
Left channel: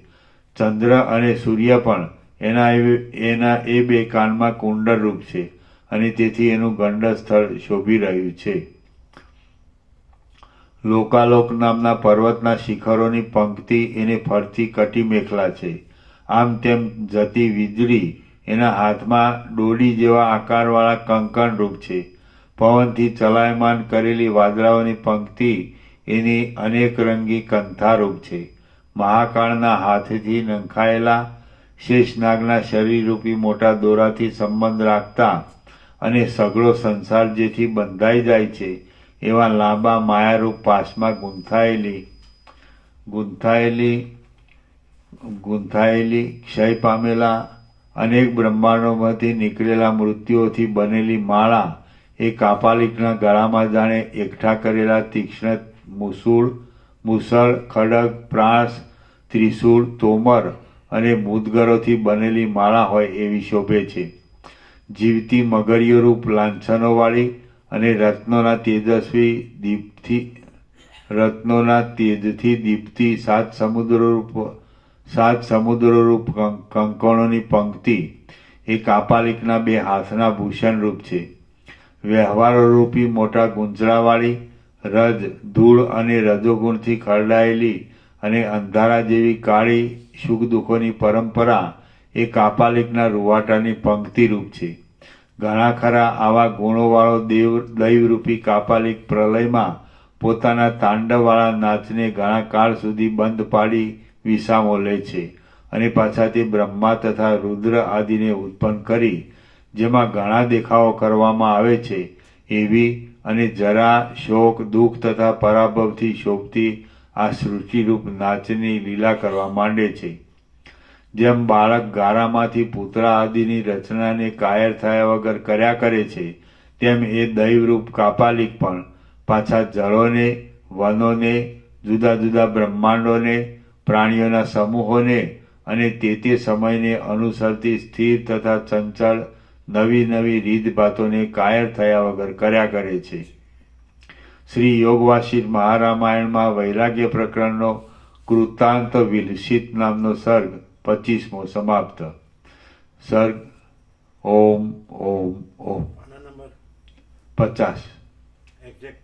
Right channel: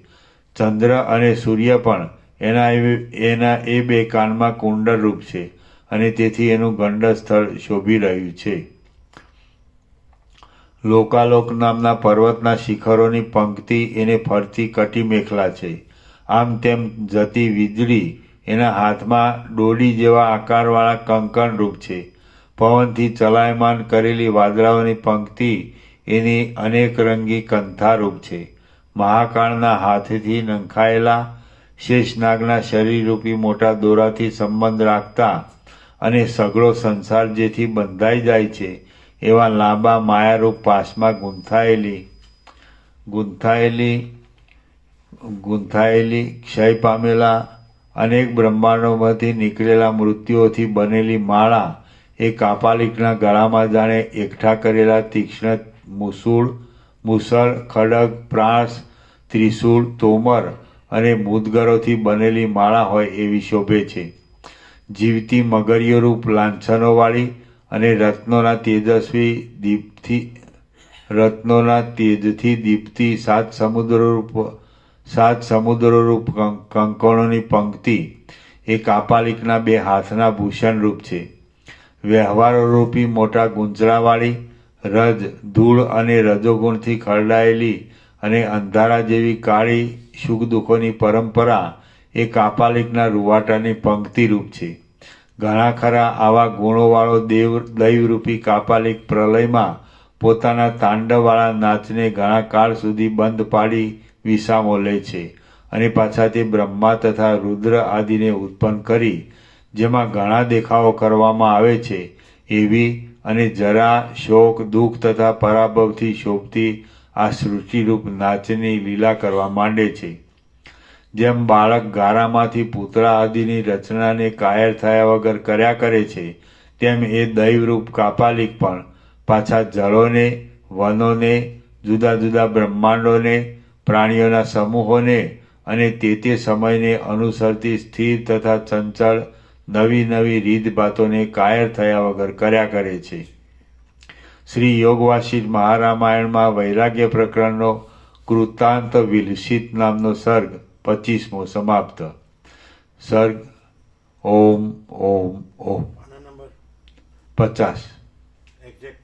ચંદ્ર અને સૂર્ય પણ એના એ બે કાનમાં કુંડળરૂપ છે અને તેથી એનું ગંડ સ્થળ શોભી રહ્યું છે. લોકાલોક નામના પર્વતના શિખરોની પંક્તિ એને ફરતી કટી મેખલા છે. આમ તેમ જતી વીજળી એના હાથમાં ડોડી જેવા આકારવાળા કંકણરૂપ છે. પવનથી ચલાયમાન કરેલી વાદળાઓની પંક્તિ એની અનેક રંગી કંથારૂપ છે. મહાકાળના હાથથી નંખાયેલા શેષનાગના શરીરરૂપી મોટા દોરાથી સંબંધ રાખતા અને સઘળો સંસાર જેથી બંધાઈ જાય છે એવા લાંબા માયારૂપ પાશમાં ગૂંથાયેલી ક્ષય પામેલા અનેક બ્રહ્માંડોમાંથી નીકળેલા મૃત્યુઓથી બનેલી માળા એ કાપાલિકના ગળામાં જાણે એકઠા કરેલા તીક્ષ્ણ મુસળ, ખડગ, પ્રાસ, ત્રિશૂળ, તોમર અને મુદગરોથી બનેલી માળા હોય એવી શોભે છે. જીવતી મગરીયોરૂપ લાંછનોવાળી અને રત્નોના તેજથી દીપતી સાત સમુદ્રોરૂપ કંકણોની પંક્તિ એ કાપાલિકના બે હાથના ભૂષણરૂપ છે. વ્યવહારોરૂપી મોટા ગુંજરાવાળી રજ, ધૂળ અને રજોગુણથી ખરડાયેલી અને અંધારા જેવી કાળી સુખ દુઃખોની પરંપરા એ કાપાલિકના રૂવાટાની પંક્તિરૂપ છે. ઘણા ખરા આવા ગુણોવાળો દૈવરૂપી કાપાલિક પ્રલયમાં પોતાના તાંડવવાળા નાચને ઘણા કાળ સુધી બંધ પાડી વિસામો લે છે અને પાછા તે બ્રહ્મા તથા રુદ્ર આદિને ઉત્પન્ન કરી જેમાં ઘણા દેખાવો કરવામાં આવે છે એવી અને જરા, શોક, દુઃખ તથા પરાભવથી શોભતી આ સૃષ્ટિરૂપ નાચની લીલા કરવા માંડે છે. જેમ બાળક ગારામાંથી પૂતળા આદિની રચનાને કાયર થયા વગર કર્યા કરે છે તેમ એ દૈવરૂપ કાપાલિક પણ પાછા જળોને, વનોને, જુદા જુદા બ્રહ્માંડોને, પ્રાણીઓના સમૂહોને અને તે સમયને અનુસરતી સ્થિર તથા ચંચળ નવી નવી રીતભાતોને કાયર થયા વગર કર્યા કરે છે. શ્રી યોગવાસિષ્ઠ મહારામાયણમાં વૈરાગ્ય પ્રકરણનો કૃતાંત વિલસિત નામનો સર્ગ 25મો સમાપ્ત. સર્ગ ઓમ ઓમ ઓમ. આના નંબર 50. એક્ઝેક્ટ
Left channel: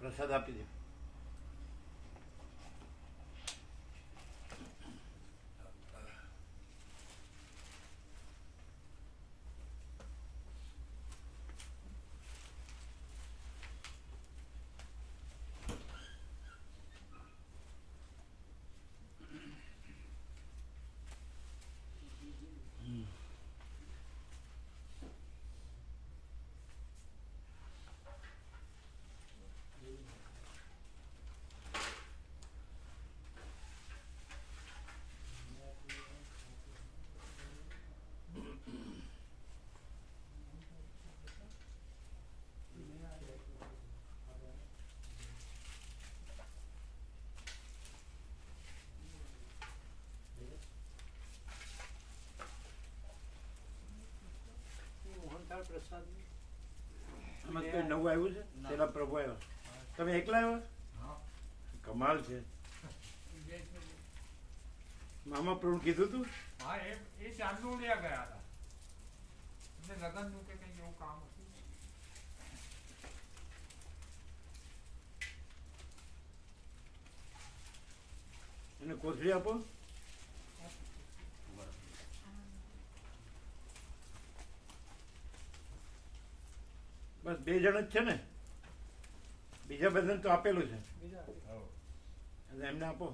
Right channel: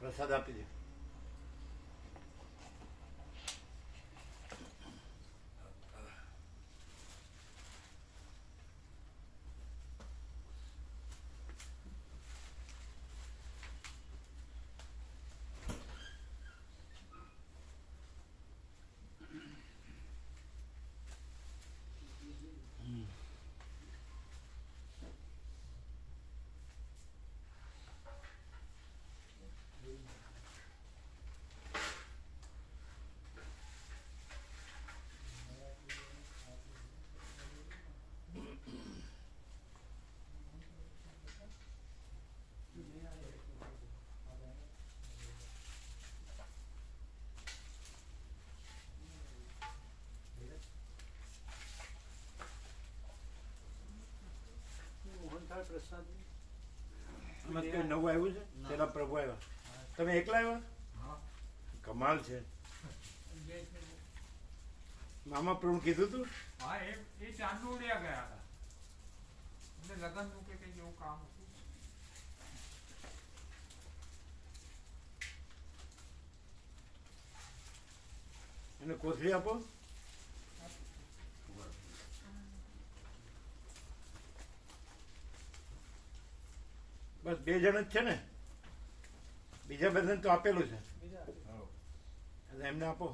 પ્રસાદ આપી દે. પ્રસાદ આમાં કોઈ નવું આવ્યું છે? પેલા પ્રભુ આવ્યા, તમે એકલા આવ્યા? કમાલ છે. મામા પ્રભુ કીધું તું? હા એ ચાંદોડિયા ગયા હતા એટલે લગ્નનું કે કંઈક એવું કામ હતું. એને કોથળી આપો. બસ 2 જણ જ છે ને? બીજા બધાને તો આપેલું છે. એટલે એમને આપો.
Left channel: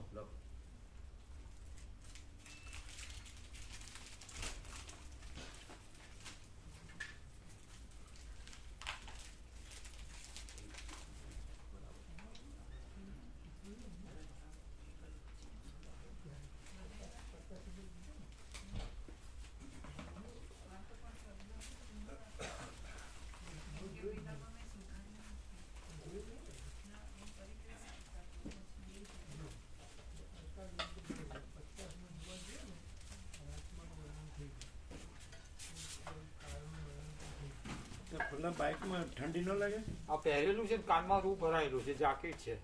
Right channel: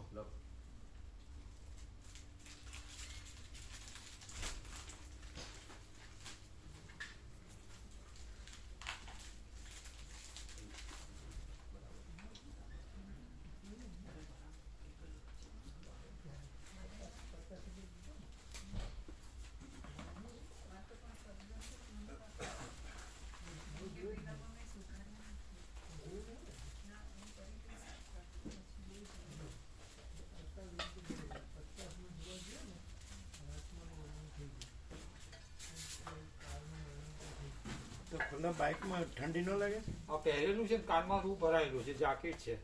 તો ખુલ્લા બાઇકમાં ઠંડી ન લાગે? આ પહેરેલું છે ને કાનમાં રૂ ભરાયેલું છે, જાકેટ છે.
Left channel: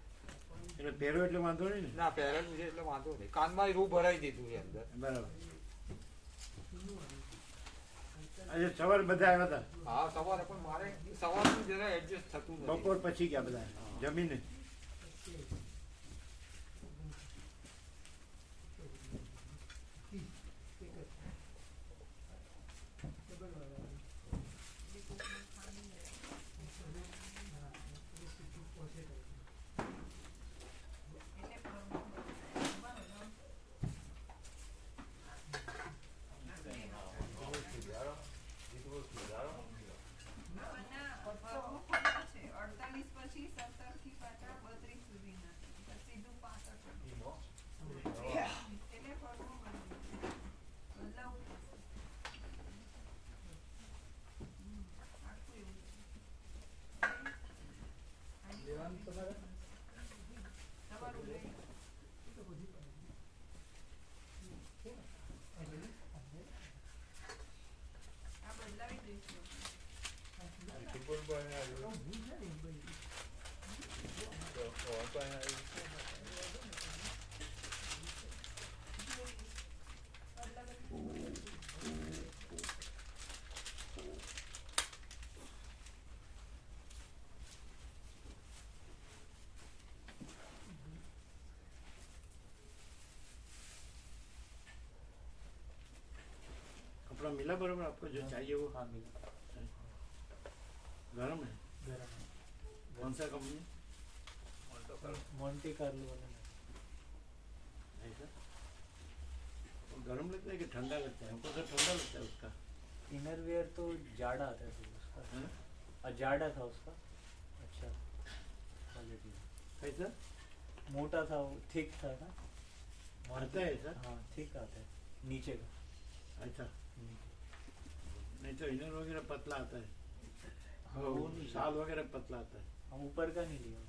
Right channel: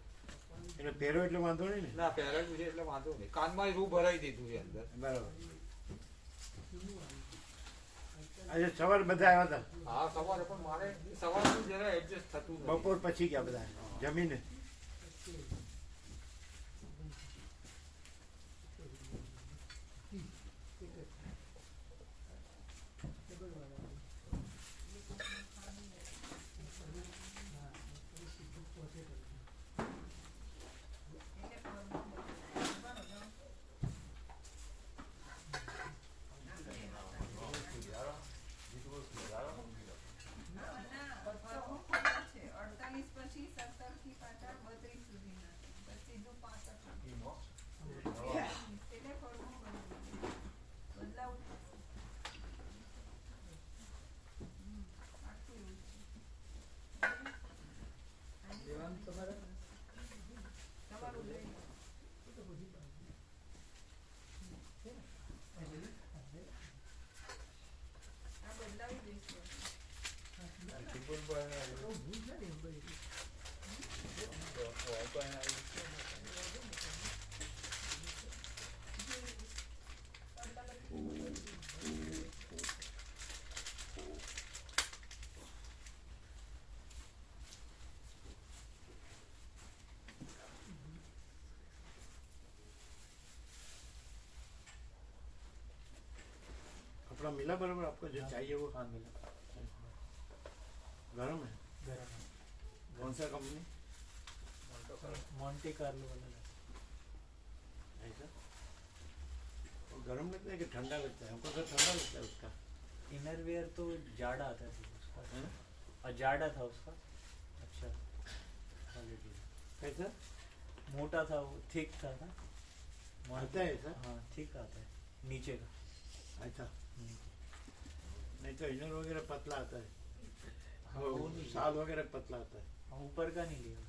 એટલે પહેરો એટલે વાંધો નહીં ને? ના પહેરેલું છે એટલે વાંધો નહીં. કાનમાં રૂ ભરાઈ દીધું છે અંદર. બરાબર. આજે સવારે બધા આવ્યા હતા? હા સવારે, પણ મારે સવારનું જરા એડજસ્ટ થતું નથી. બપોર પછી ગયા બધા જમીને? कपड़ा मिला बराबर आपको जो चाहिए वो? हाँ मिला. गरम है? कौन सा कंपनी? मोंटे कार्लो वाला. ऐसा वो गरम लगता है कि ठंडा लगता है? हमको तो ठंडा लगता है उसका. इनरवियर तो जाड़ा आता है उसका. हैं? और जाड़ा था उसका. अच्छा क्वालिटी. कैसा मोटा था वो, थिक था ना. आता है ऐसा? हाँ थिक आता है नीचे का. ऐसा नहीं तो इनर वगैरह पतला आता है, हाँ, वो नहीं. साल वगैरह पतला आता है. हम ऊपर का नहीं लिया.